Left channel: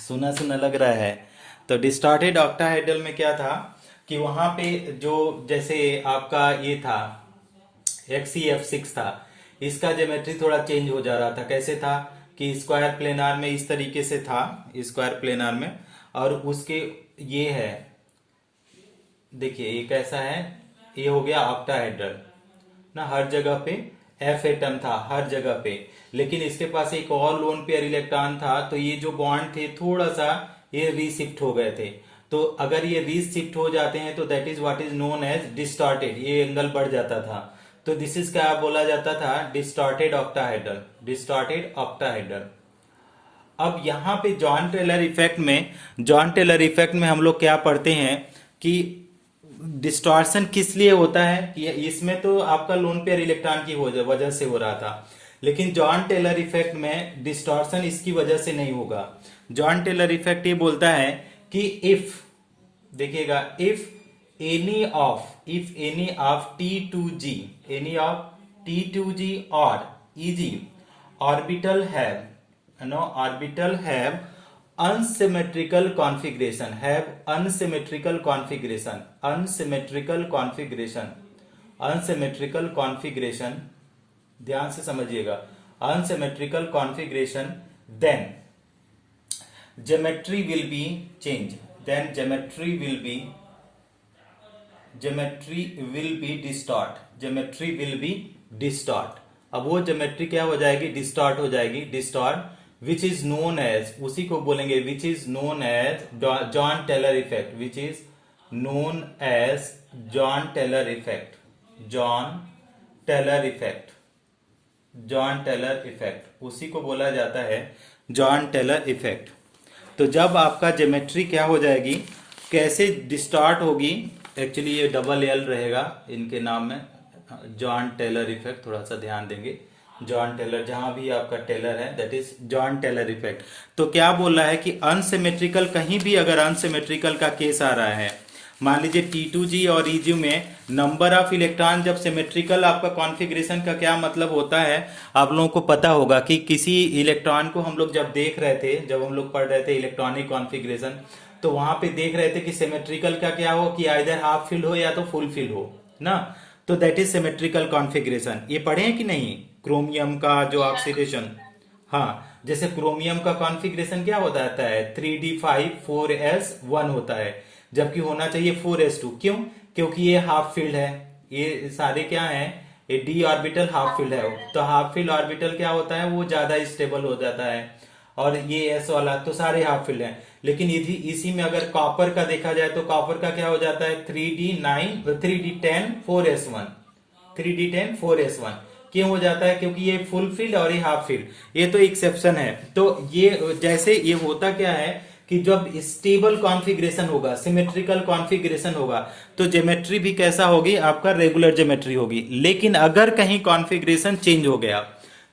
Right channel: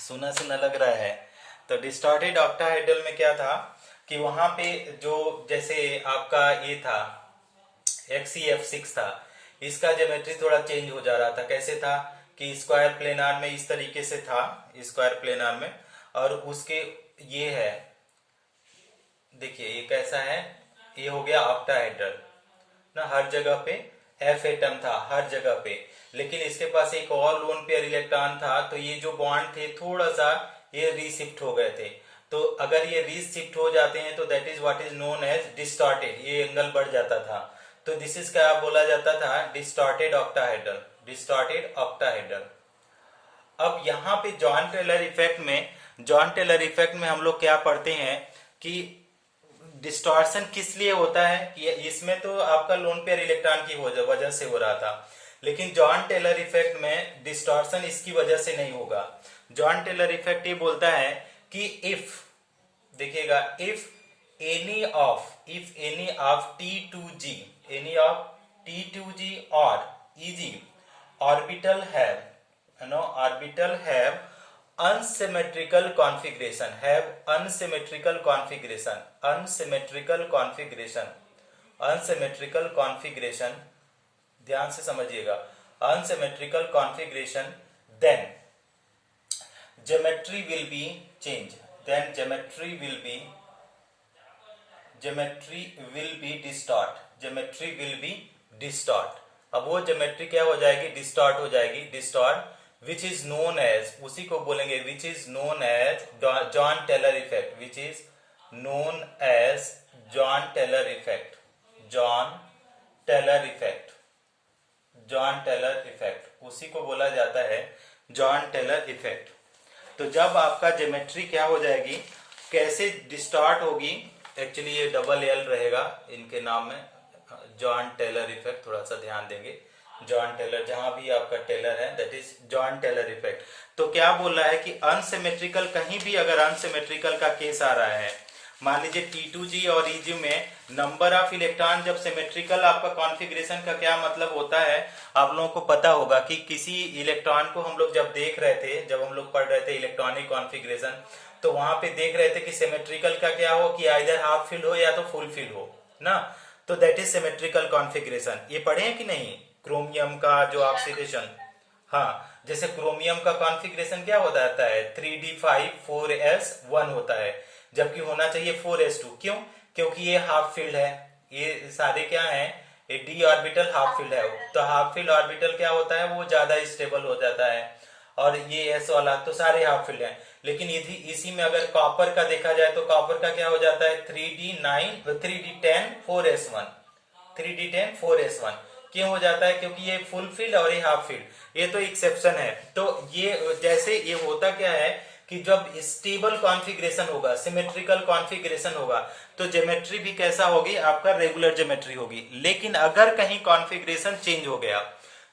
सुना सुना लग रहा है। तो डिस्टॉर्टेड ऑक्टाहेड्रल में क्या था कि वहां पे जो जैसे आपका ये था XCF6 था, इसका ज्योमेट्री थोड़ा चेंज हो जा रहा था। कैसे था कि स्क्वायर प्लेनार में इस तरीके से था, स्क्वायर प्लेनार में, और उसके ये है, देखिए ये कैसा है, ये हो गया ऑक्टाहेड्रल ना, हर जगह पे एफ एटम था हर जगह पे। लेकिन इसके पास एक और लोन पेयर इलेक्ट्रॉन था, तो ये जो बॉन्ड थे थोड़ा सा ये रीशिफ्ट हो गए थे। तो अगर ये रीशिफ्ट हो जाते हैं तो that is what is known as distorted, ये एंगल बढ़ जाता था। तो दिस इज क्या बोला जाता था, डिस्टॉर्टेड ऑक्टाहेड्रल, डिस्टॉर्टेड ऑक्टाहेड्रल। अब यहाँ पे जॉन टेलर इफेक्ट में हम लोग क्या पढ़ते हैं कि डिस्टॉर्शन किस लिए होता है कि इसमें तो आपका लोन पेयर इलेक्ट्रॉन की वजह से हो रहा था, लेकिन जॉन टेलर इफेक्ट में डिस्टॉर्शन इसकी वजह से नहीं होगा। जॉन टेलर इफेक्ट ये बोलता है कि इफ, देखिएगा, if any of T2G, any of T2G और EG orbital have, orbital have unsymmetrical configuration, unsymmetrical configuration, ध्यान से समझिएगा, unsymmetrical configuration, then geometry will be changed, then geometry will be distort। अब वो ज्योमेट्री क्या हो जाएगी, डिस्टॉर्ट हो जाएगी, distort, which is known as, उसी को बोलेंगे which is known as Jahn Teller effect, which is known as Jahn Teller effect, Jahn Teller effect, Jahn Teller effect, उसी को बोला जाता है जॉन टेलर इफेक्ट। तो जब आपका ज्योमेट्री क्या हो जाएगी, कैसे डिस्टॉर्ट होगी, एक्चुअली ये डबल एल रहेगा इनके नाम में, जॉन टेलर इफेक्ट, थोड़ा सा ध्यान देंगे, जॉन टेलर, जहां भी आपका टेलर है that is Jahn Teller effect. तो क्या बोल रहा है कि अनसिमेट्रिकल, कहीं भी अगर अनसिमेट्रिकल का केस आ रहा है, मान लीजिए T2G और EG में नंबर ऑफ इलेक्ट्रॉन जब सिमेट्रिकल, आपका कॉन्फ़िगरेशन का क्या मतलब होता है आप लोगों को पता होगा कि किसी इलेक्ट्रॉन को हम लोग जब देख रहे थे, जब हम लोग पढ़ रहे थे इलेक्ट्रॉनिक कॉन्फ़िगरेशन, तो वहां पे देख रहे थे कि सिमेट्रिकल का क्या हो कि आइदर हाफ फिल हो या तो फुल फिल हो ना, तो दैट इज सिमेट्रिकल कॉन्फ़िगरेशन। ये पढ़े हैं कि नहीं, क्रोमियम का जो ऑक्सीडेशन, हाँ, जैसे क्रोमियम का कॉन्फ़िगरेशन क्या होता है 3d5 4s1 होता है, जबकि होना चाहिए 4s2। क्यों? क्योंकि ये हाफ फील्ड है, ये सारे क्या हैं, ये d ऑर्बिटल हाफ फील्ड है, तो हाफ फील्ड ऑर्बिटल क्या होता है, वो ज्यादा स्टेबल हो जाता है, और ये s वाला तो सारे हाफ फील्ड है। लेकिन इसी में अगर कॉपर का देखा जाए तो कॉपर का क्या हो जाता है 3d10 4s1, 3d10 4s1 क्यों हो जाता है, क्योंकि ये फुल फील्ड और ये हाफ फील्ड, ये तो एक्सेप्शन है। तो ये जैसे ये होता क्या है कि जब स्टेबल कॉन्फ़िगरेशन होगा, सिमेट्रिकल कॉन्फ़िगरेशन होगा, तो ज्योमेट्री भी कैसा होगी, आपका रेगुलर ज्योमेट्री होगी। लेकिन अगर कहीं कॉन्फ़िगरेशन चेंज हो गया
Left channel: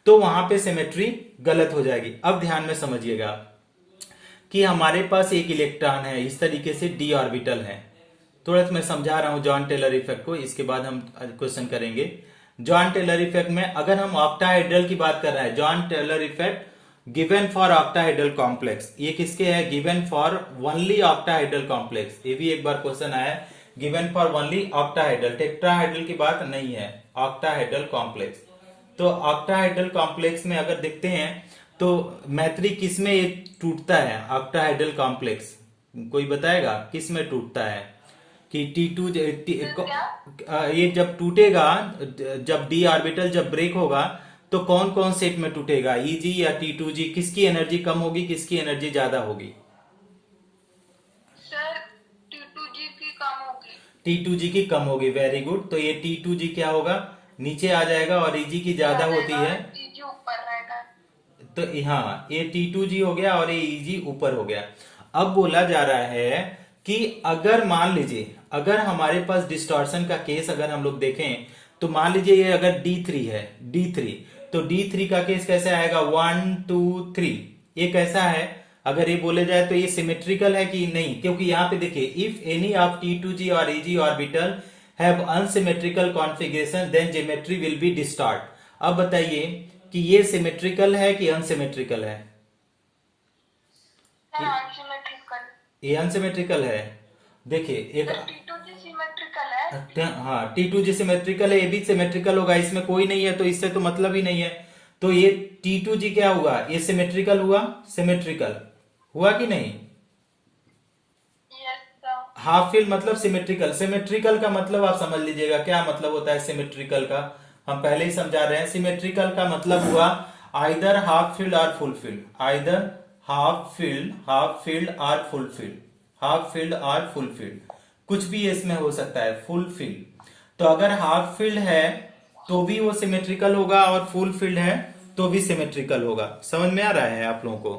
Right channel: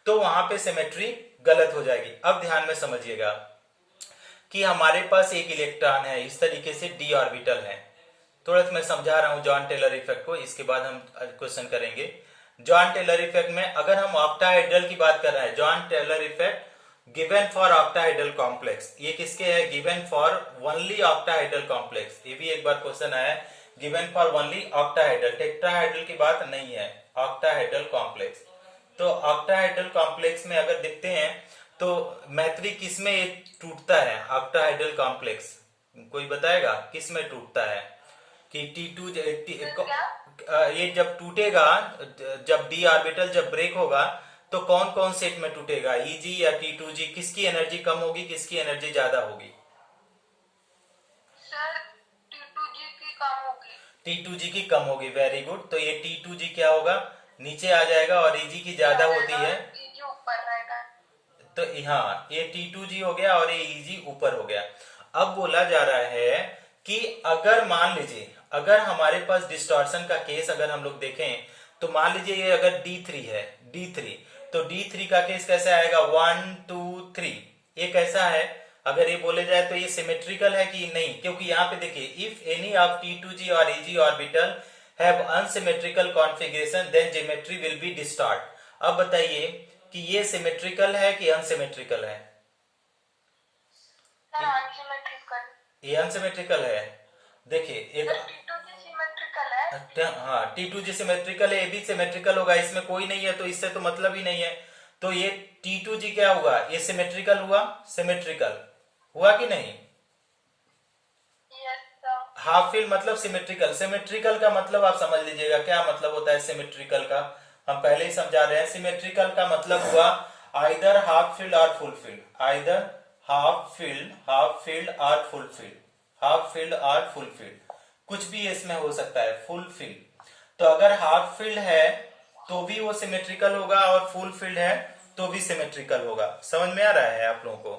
तो वहां पे सिमेट्री गलत हो जाएगी। अब ध्यान में समझिएगा कि हमारे पास एक इलेक्ट्रॉन है, इस तरीके से d ऑर्बिटल है। थोड़ा सा मैं समझा रहा हूं जॉन टेलर इफेक्ट को, इसके बाद हम क्वेश्चन करेंगे। जॉन टेलर इफेक्ट में अगर हम ऑक्टाहेड्रल की बात कर रहे हैं, Jahn Teller effect given for octahedral complex, ये किसके है, given for only octahedral complex. ये भी एक बार क्वेश्चन आया, given for only octahedral, tetrahedral की बात नहीं है, ऑक्टाहेड्रल कॉम्प्लेक्स। तो ऑक्टाहेड्रल कॉम्प्लेक्स में अगर देखते हैं तो मैत्री किस में ये टूटता है, ऑक्टाहेड्रल कॉम्प्लेक्स, कोई बताएगा किस में टूटता है कि T2 ये जब टूटेगा, जब d ऑर्बिटल जब ब्रेक होगा तो कौन कौन सेट में टूटेगा, EG या T2G, किसकी एनर्जी कम होगी, किसकी एनर्जी ज्यादा होगी? सर T2G की कम होगी। T2G की कम होगी, वेरी गुड। तो ये T2G क्या होगा, नीचे आ जाएगा, और EG की ज्यादा होती है EG ऊपर रहेगा। तो हाँ, ये T2G हो गया और ये EG ऊपर हो गया। अब बोला जा रहा है कि अगर मान लीजिए, अगर हमारे पास डिस्टॉर्शन का केस अगर हम लोग देखें तो मान लीजिए ये अगर D3 है, D3, तो D3 का केस कैसे आएगा, 1 2 3, ये कैसा है, अगर ये बोले जाए तो ये सिमेट्रिकल है कि नहीं, क्योंकि यहाँ पे देखिए इफ एनी ऑफ T2G और EG orbital have unsymmetrical configuration then geometry will be distort. अब बताइए कि ये सिमेट्रिकल है कि अनसिमेट्रिकल है? Sir unsymmetrical. ये अनसिमेट्रिकल है। देखिए एक सर T2G सिमेट्रिकल है। हाँ T2G सिमेट्रिकल है, ये भी सिमेट्रिकल होगा, इसमें कोई नहीं है तो इससे तो मतलब ही नहीं है। तो ये T2G क्या हुआ, ये सिमेट्रिकल हुआ, सिमेट्रिकल हुआ कि नहीं। Yes sir. हाफ फील्ड मतलब सिमेट्रिकल, सिमेट्रिकल का मतलब आप समझ लीजिएगा क्या मतलब होता है सिमेट्रिकल का, हम पहले ही समझा रहे हैं। सिमेट्रिकल का मतलब हुआ आइदर हाफ फील्ड और full field, either half field और फुल फील्ड, हाफ फील्ड और फुल फील्ड, कुछ भी इसमें हो सकता है, फुल फील्ड। तो अगर हाफ फील्ड है तो भी वो सिमेट्रिकल होगा और फुल फील्ड है तो भी सिमेट्रिकल होगा। समझ में आ रहा है आप लोगों को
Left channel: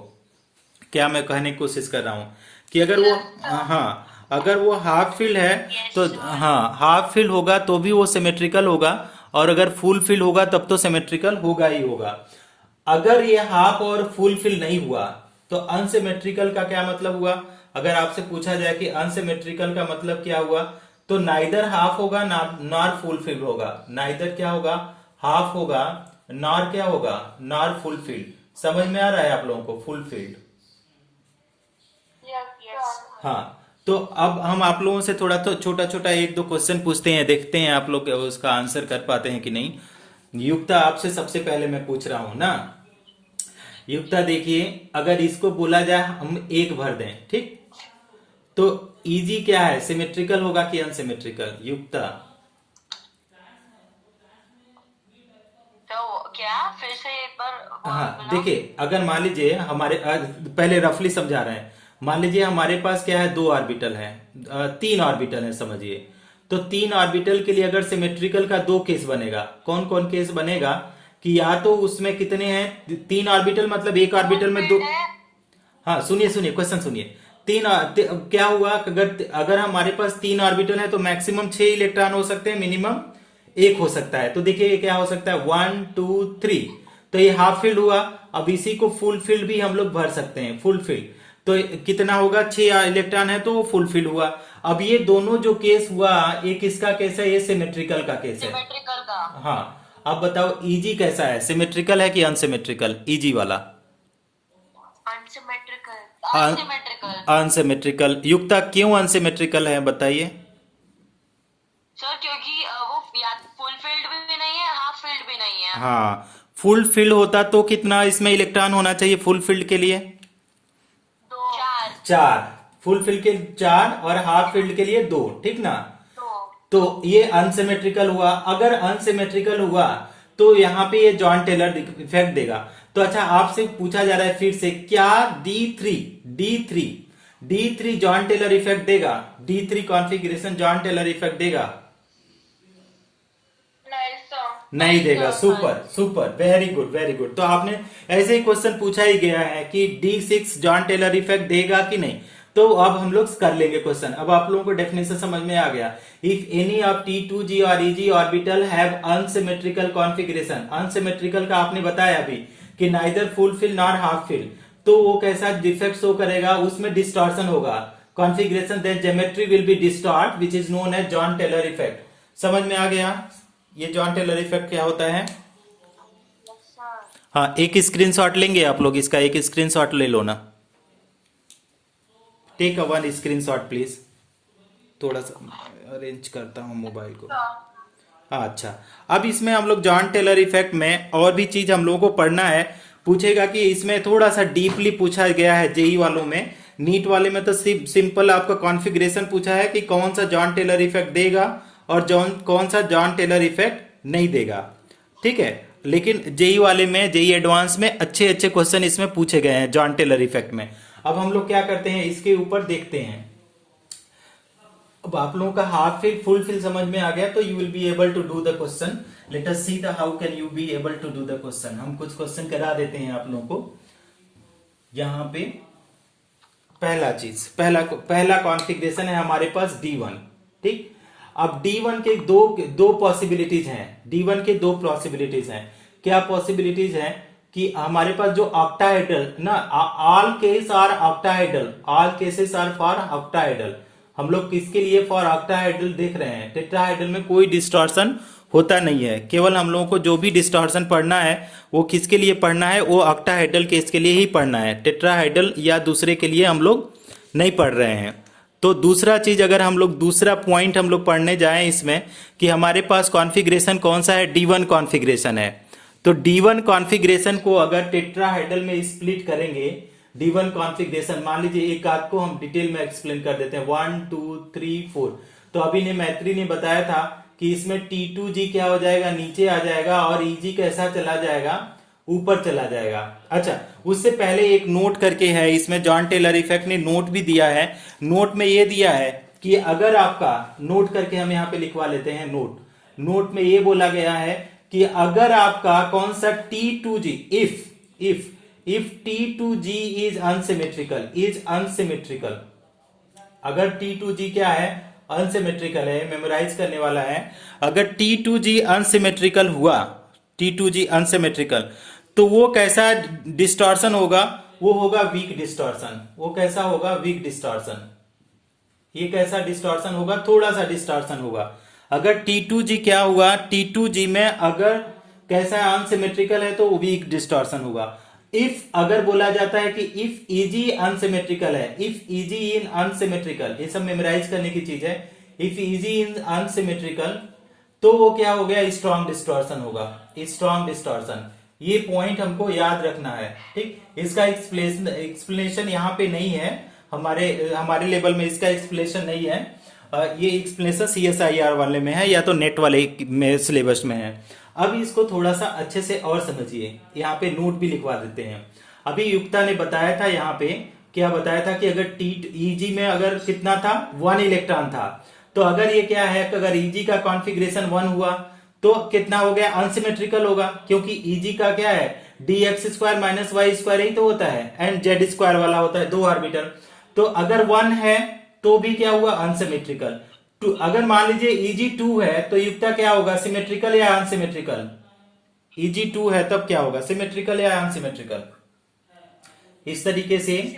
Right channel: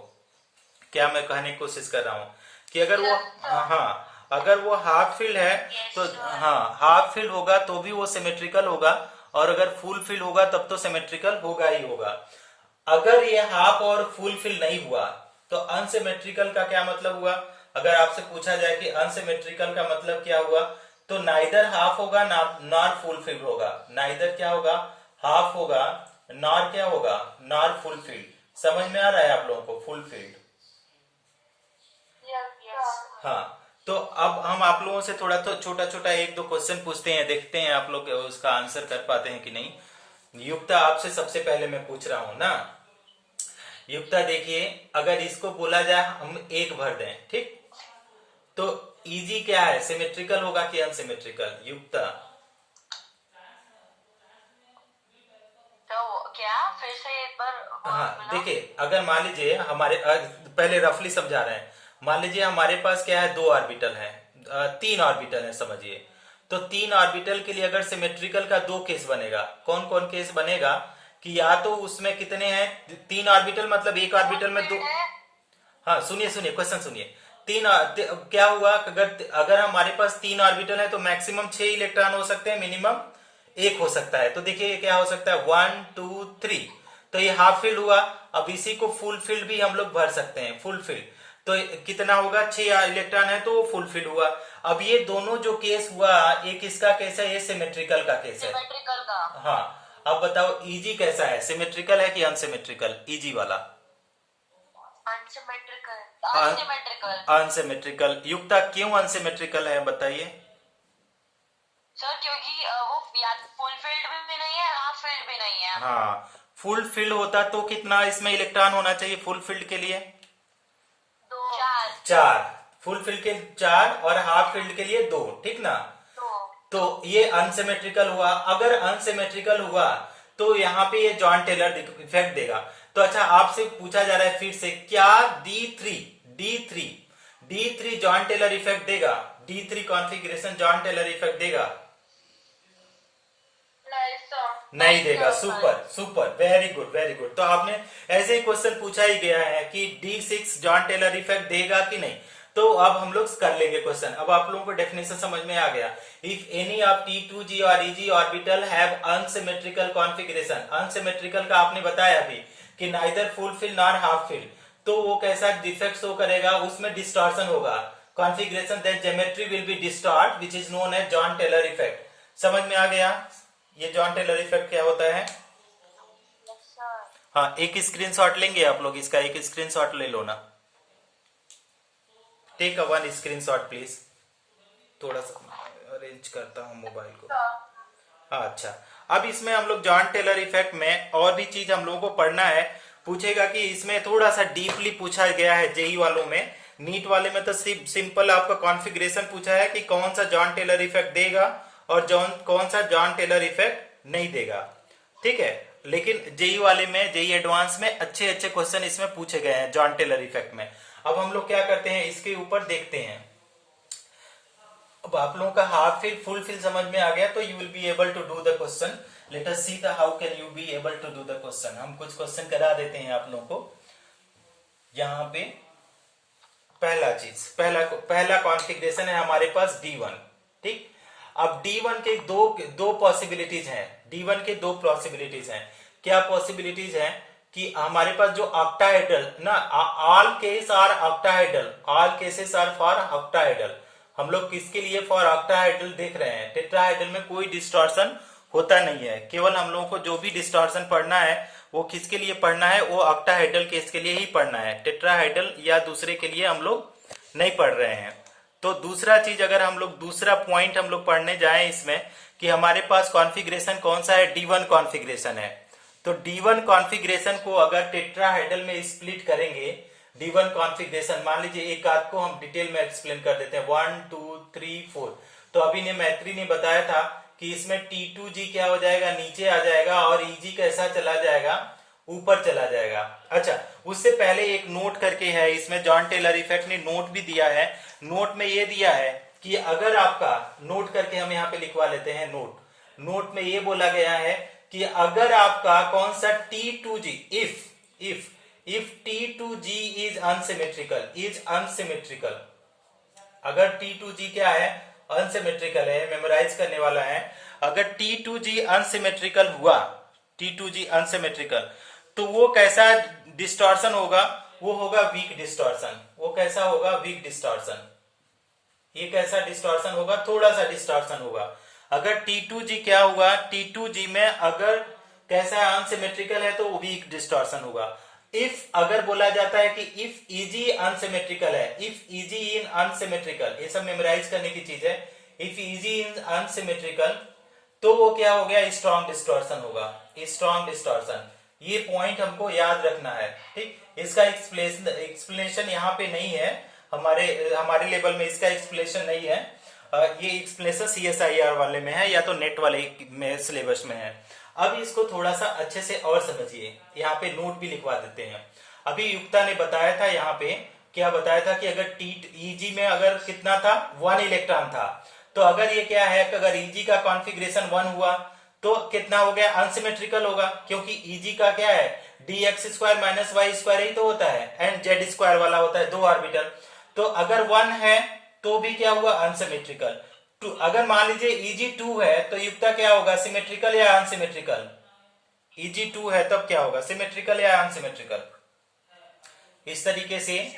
क्या मैं कहने की कोशिश कर रहा हूं, कि अगर वो हाँ अगर वो हाफ फील्ड है तो हाँ हाफ फील्ड होगा तो भी वो सिमेट्रिकल होगा, और अगर फुल फील्ड होगा तब तो सिमेट्रिकल होगा ही होगा। अगर ये हाफ और फुल फील्ड नहीं हुआ तो अनसिमेट्रिकल का क्या मतलब हुआ। अगर आपसे पूछा जाए कि अनसिमेट्रिकल का मतलब क्या हुआ, तो नाइदर हाफ होगा नॉर फुल फील्ड होगा, नाइदर क्या होगा, हाफ होगा नॉर क्या होगा, नॉर फुल फील्ड। समझ में आ रहा है आप लोगों को, फुल फील्ड। यस। हाँ तो अब हम आप लोगों से थोड़ा तो छोटा छोटा एक दो क्वेश्चन पूछते हैं, देखते हैं आप लोग उसका आंसर कर पाते हैं कि नहीं। युक्ता आपसे सबसे पहले मैं पूछ रहा हूं ना, युक्ता देखिए अगर इसको बोला जाए हम एक भर दें, ठीक, तो इजी क्या है, सिमेट्रिकल होगा कि अनसिमेट्रिकल, युक्ता। तो क्या फिर से एक बार हाँ बोलो। देखिए अगर मान लीजिए हमारे पहले रफली समझा रहे हैं, मान लीजिए हमारे पास क्या है, दो ऑर्बिटल है, तीन ऑर्बिटल है समझिए। तो तीन ऑर्बिटल के लिए अगर सिमेट्रिकल का दो केस बनेगा, कौन कौन केस बनेगा, कि या तो उसमें कितने हैं, तीन ऑर्बिटल मतलब एक ऑर्बिटल में दो, हाँ सुनिए सुनिए क्वेश्चन सुनिए। क्या हुआ, अगर अगर हमारे पास तीन ऑर्बिटल है तो मैक्सिमम 6 इलेक्ट्रॉन हो सकते हैं, मिनिमम एक हो सकता है। तो देखिए क्या हो सकता है, 1 2 3, तो ये हाफ फील्ड हुआ। अब इसी को फुल फील्ड भी हम लोग भर सकते हैं, फुल फील्ड तो कितना होगा, 6 इलेक्ट्रॉन है तो वो फुल फील्ड हुआ। अब ये दोनों जो केस हुआ, एक इसका केस है, ये सिमेट्रिकल का केस है। सिमेट्रिकल का। हाँ अब बताओ इजी कैसा है, सिमेट्रिकल है कि अनसिमेट्रिकल, इजी वाला। अनसिमेट्रिकल। अनसिमेट्रिकल अनसिमेट्रिकल, युक्ता क्यों अनसिमेट्रिकल है बताइए। सर क्योंकि वो या फुल फील्ड भी नहीं है, हाफ फील्ड भी नहीं है। हाँ फुल फील्ड होता तो कितना इसमें इलेक्ट्रॉन होना चाहिए फुल फील्ड के लिए, दो। चार। 4, फुल फील्ड के 4 और हाफ फील्ड के लिए 2, ठीक ना। दो। तो ये अनसिमेट्रिकल हुआ। अगर अनसिमेट्रिकल हुआ तो यहाँ पे ये जॉन टेलर इफेक्ट देगा। तो अच्छा आपसे पूछा जा रहा है फिर से, क्या D3 जॉन टेलर इफेक्ट देगा, D3 configuration John Teller effect देगा, नहीं सर। नहीं देगा। Super super, very good very good. तो आपने ऐसे ही क्वेश्चन पूछा ही गया है कि D6 जॉन टेलर इफेक्ट देगा कि नहीं। तो अब हम लोग कर लेंगे क्वेश्चन। अब आप लोगों को डेफिनेशन समझ में आ गया। इफ एनी ऑफ T2G और EG orbital have unsymmetrical configuration, unsymmetrical का आपने बताया अभी कि neither full filled nor half filled, तो वो कैसा डिफेक्ट शो करेगा, उसमें डिस्टॉर्शन होगा, configuration then geometry will be distort which is known as Jahn Teller effect. समझ में आ गया ये जॉन टेलर इफेक्ट क्या होता है। हाँ एक स्क्रीनशॉट लेंगे आप लोग, इसका एक स्क्रीनशॉट ले लो ना, take a one screenshot please. थोड़ा सा अरेंज करता हूँ मोबाइल को। हाँ अच्छा, अब इसमें हम लोग जॉन टेलर इफेक्ट में और भी चीज हम लोगों को पढ़ना है। पूछेगा कि इसमें थोड़ा सा डीपली पूछा गया है जेई वालों में, नीट वाले में तो सिंपल आपका कॉन्फ़िगरेशन पूछा है कि कौन सा जॉन टेलर इफेक्ट देगा और कौन सा जॉन टेलर इफेक्ट नहीं देगा, ठीक है। लेकिन जेई वाले में, जेई एडवांस में अच्छे अच्छे क्वेश्चन इसमें पूछे गए हैं जॉन टेलर इफेक्ट में। अब हम लोग क्या करते हैं, इसके ऊपर देखते हैं। अब आप लोगों का हाफ फील्ड फुल फील्ड समझ में आ गया तो you will be able to do the question. Let us see the how can you be able to do the question. हम कुछ क्वेश्चन करा देते हैं आप लोगों को। यहाँ पे पहला चीज, पहला कॉन्फ़िगरेशन है हमारे पास D1, ठीक। अब D1 के दो पॉसिबिलिटीज हैं, D1 के दो पॉसिबिलिटीज हैं। क्या पॉसिबिलिटीज हैं कि हमारे पास जो ऑक्टाहेड्रल ना, all case are octahedral, all cases are for octahedral. हम लोग किसके लिए फॉर ऑक्टाहेड्रल देख रहे हैं, टेट्राहेड्रल में कोई डिस्टॉर्शन होता नहीं है। केवल हम लोगों को जो भी डिस्टॉर्शन पढ़ना है वो किसके लिए पढ़ना है, वो ऑक्टाहेड्रल केस के लिए ही पढ़ना है, टेट्राहेड्रल या दूसरे के लिए हम लोग नहीं पढ़ रहे हैं। तो दूसरा चीज, अगर हम लोग दूसरा पॉइंट हम लोग पढ़ने जाएं इसमें कि हमारे पास कॉन्फ़िगरेशन कौन सा है, D1 कॉन्फ़िगरेशन है। तो D1 कॉन्फ़िगरेशन को अगर टेट्राहेड्रल में स्प्लिट करेंगे, D1 कॉन्फ़िगरेशन मान लीजिए, एक आध को हम डिटेल में एक्सप्लेन कर देते हैं, 1 2 3 4। तो अभी ने मैत्री ने बताया था कि इसमें T2G क्या हो जाएगा, नीचे आ जाएगा, और EG कैसा चला जाएगा, ऊपर चला जाएगा। अच्छा, उससे पहले एक नोट करके है इसमें, जॉन टेलर इफेक्ट ने नोट भी दिया है। नोट में ये दिया है कि अगर आपका, नोट करके हम यहाँ पे लिखवा लेते हैं, नोट में ये बोला गया है कि अगर आपका कौन सा T2G, if T2G is unsymmetrical, अगर T2G क्या है, अनसिमेट्रिकल है, मेमोराइज करने वाला है। अगर T2G अनसिमेट्रिकल हुआ, T2G अनसिमेट्रिकल, तो वो कैसा डिस्टॉर्शन होगा, वो होगा वीक डिस्टॉर्शन। वो कैसा होगा, वीक डिस्टॉर्शन। ये कैसा डिस्टॉर्शन होगा, थोड़ा सा डिस्टॉर्शन होगा। अगर T2G क्या हुआ, T2G में अगर कैसा अनसिमेट्रिकल है तो वीक डिस्टॉर्शन होगा। इफ अगर बोला जाता है कि इफ EG अनसिमेट्रिकल है, इफ EG इन अनसिमेट्रिकल, ये सब मेमोराइज करने की चीज है। इफ EG इन अनसिमेट्रिकल, तो वो क्या हो गया, स्ट्रॉन्ग डिस्टॉर्शन होगा, स्ट्रॉन्ग डिस्टॉर्शन। ये पॉइंट हमको याद रखना है, ठीक। इसका एक्सप्लेनेशन यहाँ पे नहीं है, हमारे लेवल में इसका एक्सप्लेनेशन नहीं है। ये एक्सप्लेनेशन CSIR वाले में है या तो नेट वाले में सिलेबस में है। अब इसको थोड़ा सा अच्छे से और समझिए, यहाँ पे नोट भी लिखवा देते हैं। अभी युक्ता ने बताया था, यहाँ पे क्या बताया था कि अगर EG में अगर कितना था, 1 इलेक्ट्रॉन था, तो अगर ये क्या है, अगर EG का कॉन्फ़िगरेशन 1 हुआ तो कितना हो गया, अनसिमेट्रिकल होगा, क्योंकि EG का क्या है, dx² - y² ही तो होता है, एंड z² वाला होता है, 2 ऑर्बिटल। तो अगर 1 है तो भी क्या हुआ, अनसिमेट्रिकल। अगर मान लीजिए EG 2 है तो युक्ता क्या होगा, सिमेट्रिकल या अनसिमेट्रिकल। EG 2 है तब क्या होगा, सिमेट्रिकल या अनसिमेट्रिकल। इस तरीके से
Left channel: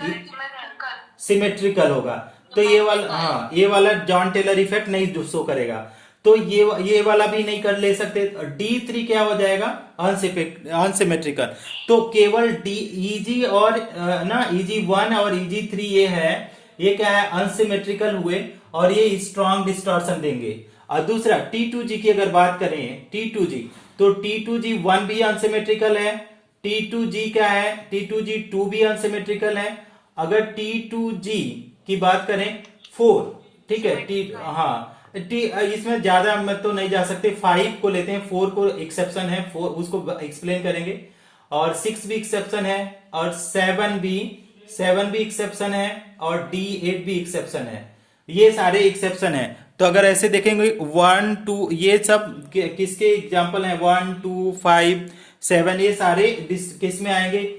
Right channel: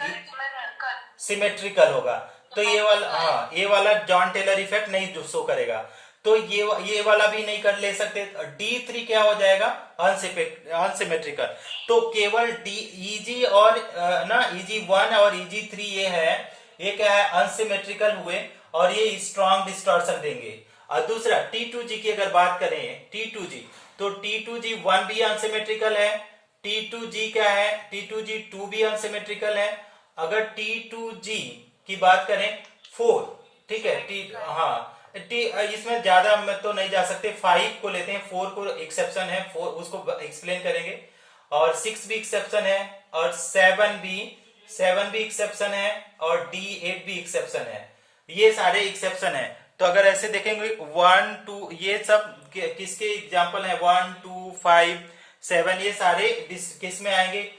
सिमेट्रिकल होगा। तो ये वाला, हाँ, ये वाला जॉन टेलर इफेक्ट नहीं शो करेगा, तो ये वाला भी नहीं कर ले सकते। D3 क्या हो जाएगा, अनसिमेट्रिकल। तो केवल EG और EG1 और EG3 ये है, ये क्या है, अनसिमेट्रिकल हुए और ये स्ट्रॉन्ग डिस्टॉर्शन देंगे। और दूसरा T2G की अगर बात करें, T2G, तो T2G 1 भी अनसिमेट्रिकल है, T2G क्या है, T2G 2 भी अनसिमेट्रिकल है। अगर T2G की बात करें 4, ठीक है, हाँ, इसमें ज्यादा हम तो नहीं जा सकते, 5 को लेते हैं, 4 को एक्सेप्शन है, 4 उसको एक्सप्लेन करेंगे, और 6 भी एक्सेप्शन है, और 7 भी एक्सेप्शन है, और D8 भी एक्सेप्शन है। ये सारे एक्सेप्शन है। तो अगर ऐसे देखेंगे 1 2, ये सब किसके एग्जाम्पल है, 1 2 5 7, ये सारे किस में आएंगे,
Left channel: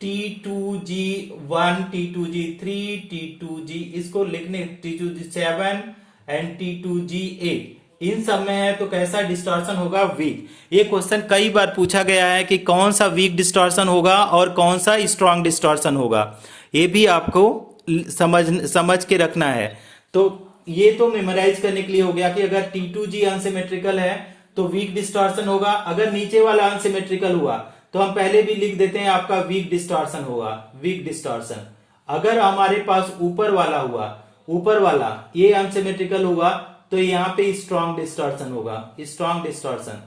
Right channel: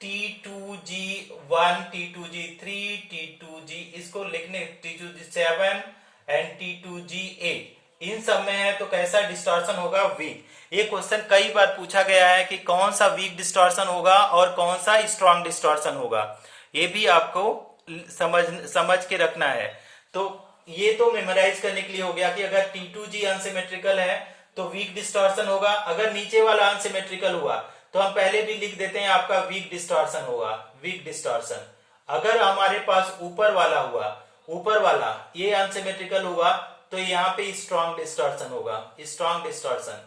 T2G1 T2G3 T2G, इसको लिखने T2G7 एंड T2G8, इन सब में है। तो कैसा डिस्टॉर्शन होगा, वीक। ये क्वेश्चन कई बार पूछा गया है कि कौन सा वीक डिस्टॉर्शन होगा और कौन सा स्ट्रॉन्ग डिस्टॉर्शन होगा, ये भी आपको समझ के रखना है। तो ये तो मेमोराइज करने के लिए हो गया कि अगर T2G अनसिमेट्रिकल है तो वीक डिस्टॉर्शन होगा। अगर नीचे वाला अनसिमेट्रिकल हुआ तो हम पहले भी लिख देते हैं, आपका वीक डिस्टॉर्शन होगा, वीक डिस्टॉर्शन। अगर हमारे पास ऊपर वाला हुआ, ऊपर वाला ये अनसिमेट्रिकल हुआ, तो यहाँ पे स्ट्रॉन्ग डिस्टॉर्शन होगा, स्ट्रॉन्ग डिस्टॉर्शन।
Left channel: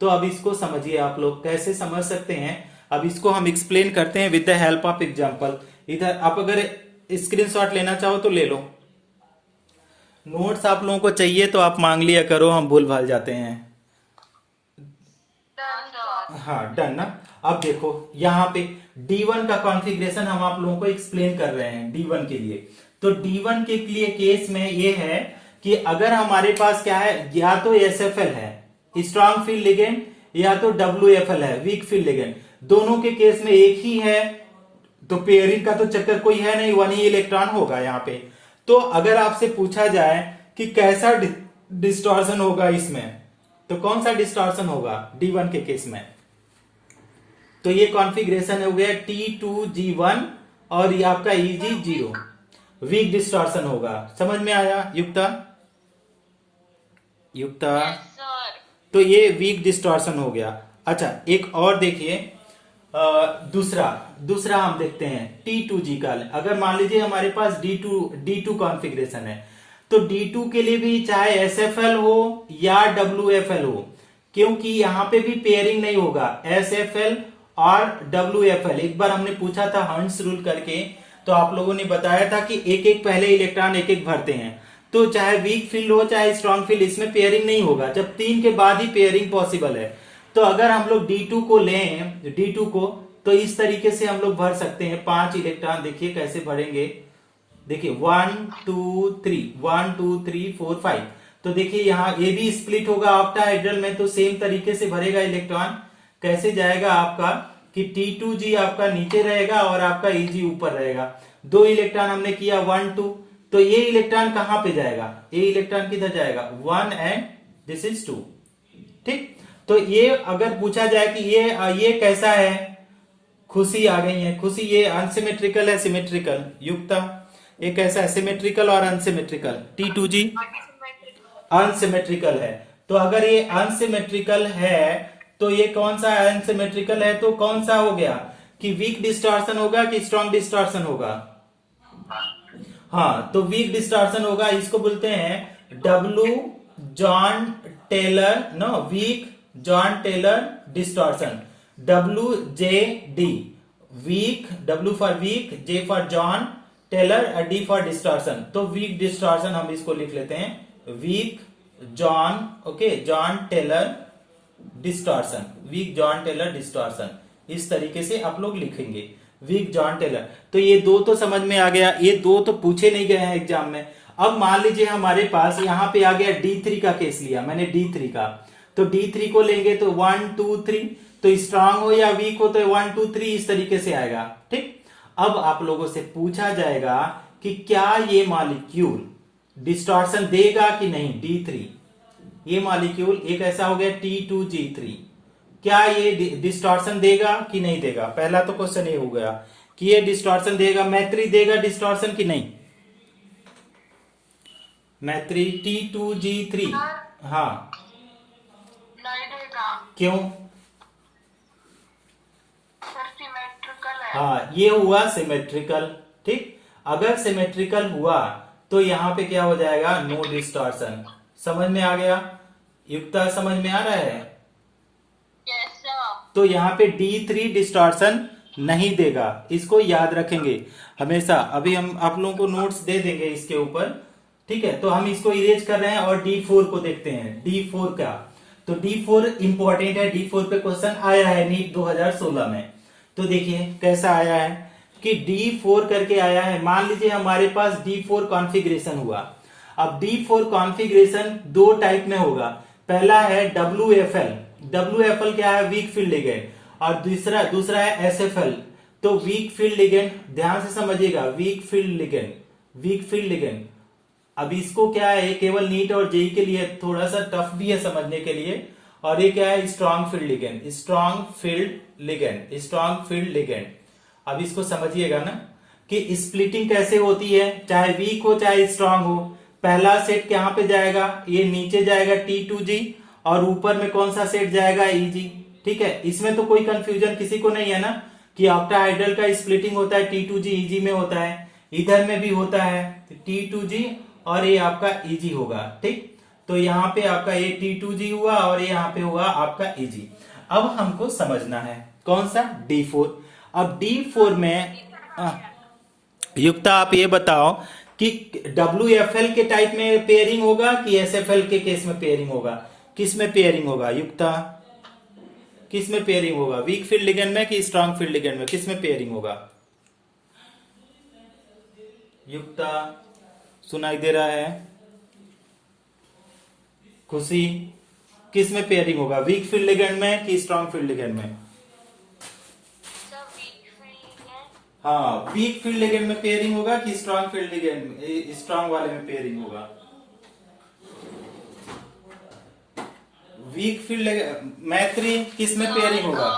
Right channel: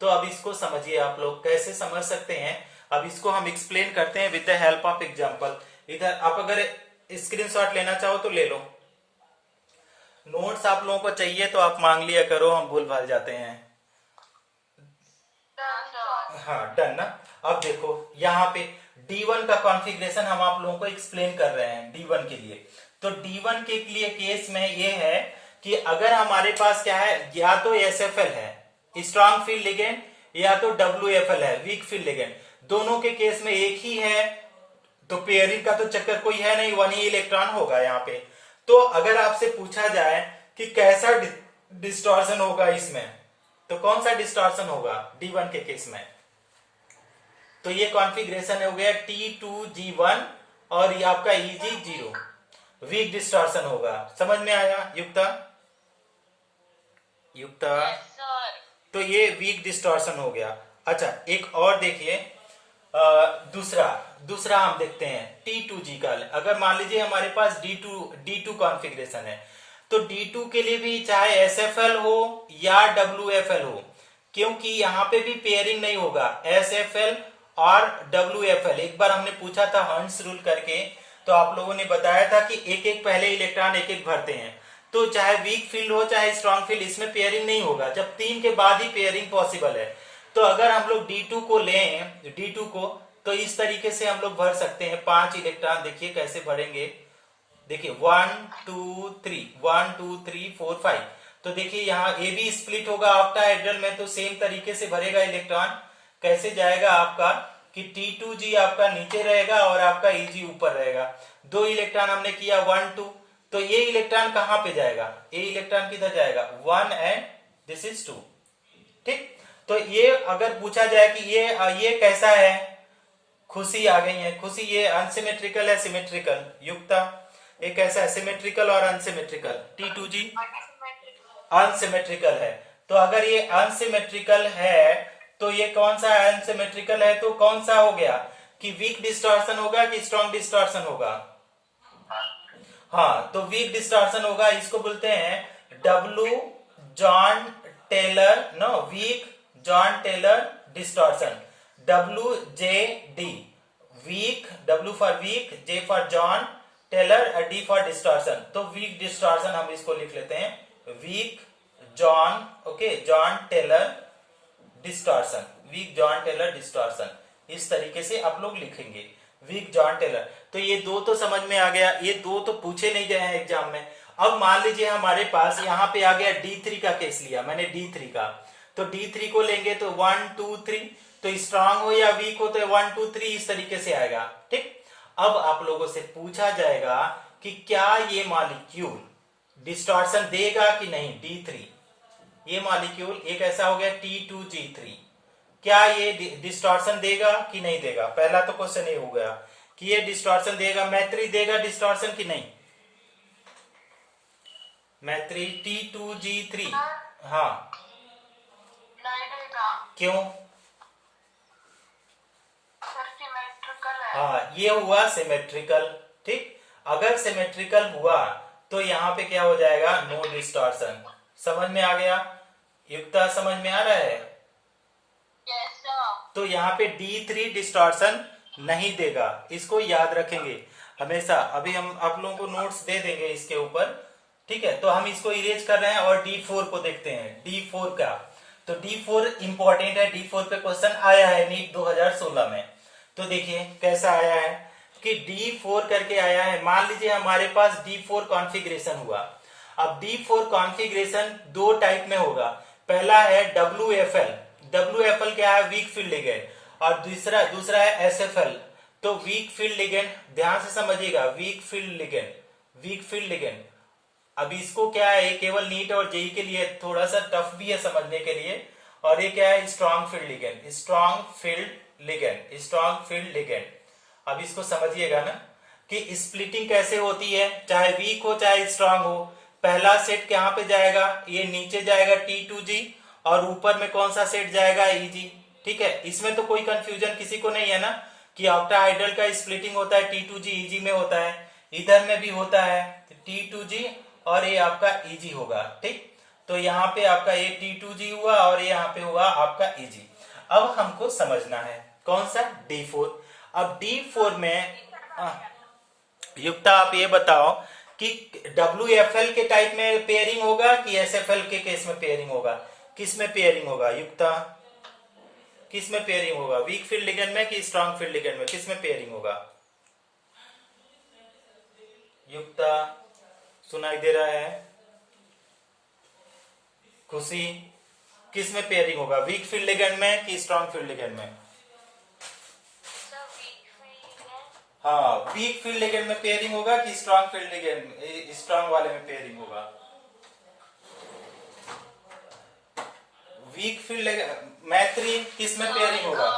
तो अब इसको समझिए, आप लोग कैसे समझ सकते हैं। अब इसको हम एक्सप्लेन करते हैं with the help of example. इधर आप अगर स्क्रीनशॉट लेना चाहो तो ले लो, नोट्स आप लोगों को चाहिए तो आप मांग लिया करो, हम भूल भाल जाते हैं। हाँ, डन ना। अब देखो यहाँ पे D1 का कॉन्फ़िगरेशन हम आप लोगों को एक्सप्लेन कर रहे हैं D1 के लिए। तो D1 के लिए केस में ये है कि अगर हमारे पास क्या है, या तो SFL है स्ट्रॉन्ग फील्ड लिगेंड, या तो WFL है वीक फील्ड लिगेंड, दोनों के केस में एक ही है, तो पेयरिंग का तो चक्कर कोई है नहीं, 1 ही इलेक्ट्रॉन होगा यहाँ पे। तो अगर आपसे पूछा जाए कि कैसा डिस्टॉर्शन होगा इसमें, तो कौन सा डिस्टॉर्शन होगा D1 के केस में, तो ये कॉन्फ़िगरेशन हो गया T2G1 और ये आपका EG0, वीक डिस्टॉर्शन होगा। समझ में आया युक्ता? युक्ता, सर। तो ये वीक डिस्टॉर्शन हो गया। अच्छा, एक और देखिए, दूसरा दूसरा हम देखते हैं T2G का। अगर मान लीजिए हमारे पास D2 कॉन्फ़िगरेशन है, तो D2 के लिए भी चाहे SFL हो या WFL हो, क्योंकि यहां पे भी पेयरिंग नहीं होगा SFL और WFL। एक बार हमने पूछा था हंट्स रूल करके, तो आप लोगों ने बताया था कि एक एक पहले इलेक्ट्रॉन एक एक भरते हैं, तो चाहे वीक फील्ड हो चाहे स्ट्रॉन्ग फील्ड, इसमें पेयरिंग नहीं होगा, जब 3 के बाद ही पेयरिंग पॉसिबल है। तो अगर हम लोग D2 को लें, D2 को, तो इस तरीके से हम लोग भर सकते हैं 5 इलेक्ट्रॉन। देखिए कैसे भरेंगे, देखिए 1 2 3 1 2 3 4 5। तो देखिए यहाँ ए भी स्प्लिट होगा ऑक्टाहेड्रल में, तो सेम तरीके से भरेगा इलेक्ट्रॉन। कैसे जाएगा आपका कि T2G आपका नीचे रहेगा और आपका Eg ऊपर रहेगा। 2 इलेक्ट्रॉन हमने किया 1 2, तो ये इलेक्ट्रॉन कहां पे जाएगा, ये इलेक्ट्रॉन किधर जाएगा 1 एंड दिस इज 2। ठीक, तो ये अगर पूछा जाए कि ये कैसा है, खुशी आ गई है, खुशी ये अनसिमेट्रिकल है सिमेट्रिकल, युक्ता ये कैसा है, सिमेट्रिकल और अनसिमेट्रिकल। T2G अनसिमेट्रिकल है। तो अगर ये अनसिमेट्रिकल है तो ये कौन सा अनसिमेट्रिकल है, तो कौन सा हो गया कि वीक डिस्टॉर्शन होगा कि स्ट्रॉन्ग डिस्टॉर्शन होगा। हाँ, तो वीक डिस्टॉर्शन होगा, इसको बोलते हैं W Jahn Teller, no weak Jahn Teller distortion, WJD, weak, W for weak, J for Jahn, Teller, D for distortion. तो वीक डिस्टॉर्शन हम इसको लिख लेते हैं weak Jahn, okay, Jahn Teller distortion, weak Jahn Teller distortion, इस तरीके से आप लोग लिखेंगे वीक जॉन टेलर। तो ये दो तो समझ में आ गया, ये दो तो पूछे नहीं गए हैं एग्जाम में। अब मान लीजिए हमारे पास यहाँ पे आ गया D3 का केस लिया मैंने, D3 का, तो D3 को लेंगे तो 1 2 3, तो स्ट्रांग हो या वीक हो तो 1 2 3 इस तरीके से आएगा। ठीक, अब आप लोगों से पूछा जाएगा कि क्या ये मॉलिक्यूल डिस्टॉर्शन देगा कि नहीं, D3 ये मॉलिक्यूल एक ऐसा हो गया T2G3, क्या ये डिस्टॉर्शन देगा कि नहीं देगा। पहला तो क्वेश्चन ये हो गया कि ये डिस्टॉर्शन देगा, मैत्री देगा डिस्टॉर्शन कि नहीं, मैत्री T2G3, हाँ नहीं देगा क्यों, सर, सिमेट्रिकल है। हाँ ये हुआ सिमेट्रिकल। ठीक, अगर सिमेट्रिकल हुआ तो यहाँ पे क्या हो जाएगा, नो डिस्टॉर्शन। समझ में आ गया, युक्ता समझ में आ रहा है। Yes sir. तो यहाँ पे D3 डिस्टॉर्शन नहीं देगा, इसको याद रखेंगे हमेशा। अभी हम आप लोगों को नोट्स दे देंगे इसके ऊपर, ठीक है। तो हम इसको इरेज कर रहे हैं और D4 को देखते हैं, D4 का। तो D4 इंपॉर्टेंट है, D4 पे क्वेश्चन आया है नीट 2016 में। तो देखिए कैसा आया है कि D4 करके आया है। मान लीजिए हमारे पास D4 कॉन्फ़िगरेशन हुआ। अब D4 कॉन्फ़िगरेशन दो टाइप में होगा, पहला है WFL, WFL क्या है, वीक फील्ड लिगेंड, और दूसरा है SFL, तो वीक फील्ड लिगेंड। ध्यान से समझिएगा, weak field ligand, weak field ligand. अब इसको क्या है, केवल नीट और जेई के लिए थोड़ा सा टफ भी है समझने के लिए। और ये क्या है, strong field ligand, strong field ligand, strong field ligand. अब इसको समझिएगा ना कि स्प्लिटिंग कैसे होती है, चाहे वीक हो चाहे स्ट्रांग हो। पहला सेट कहां पे जाएगा, ये नीचे जाएगा T2G, और ऊपर में कौन सा सेट जाएगा, Eg। ठीक है, इसमें तो कोई कंफ्यूजन किसी को नहीं है ना कि ऑक्टाहाइड्रल का स्प्लिटिंग होता है T2G Eg में होता है, इधर में भी होता है T2G और ये आपका Eg होगा। ठीक, तो यहाँ पे आपका ये T2G हुआ और ये यहाँ पे हुआ आपका Eg। अब हमको समझना है कौन सा, D4। अब D4 में युक्ता आप ये बताओ कि WFL के टाइप में पेयरिंग होगा कि SFL के केस में पेयरिंग होगा, किस में पेयरिंग होगा युक्ता, किस में पेयरिंग होगा, वीक फील्ड लिगेंड में कि स्ट्रॉन्ग फील्ड लिगेंड में, किस में पेयरिंग होगा युक्ता, सुनाई दे रहा है, खुशी, किस में पेयरिंग होगा, वीक फील्ड लिगेंड में कि स्ट्रॉन्ग फील्ड लिगेंड में। हाँ, वीक फील्ड लिगेंड में पेयरिंग होगा कि स्ट्रॉन्ग फील्ड लिगेंड, स्ट्रॉन्ग वाले में पेयरिंग होगा। वीक फील्ड मैत्री किस में पेयरिंग होगा,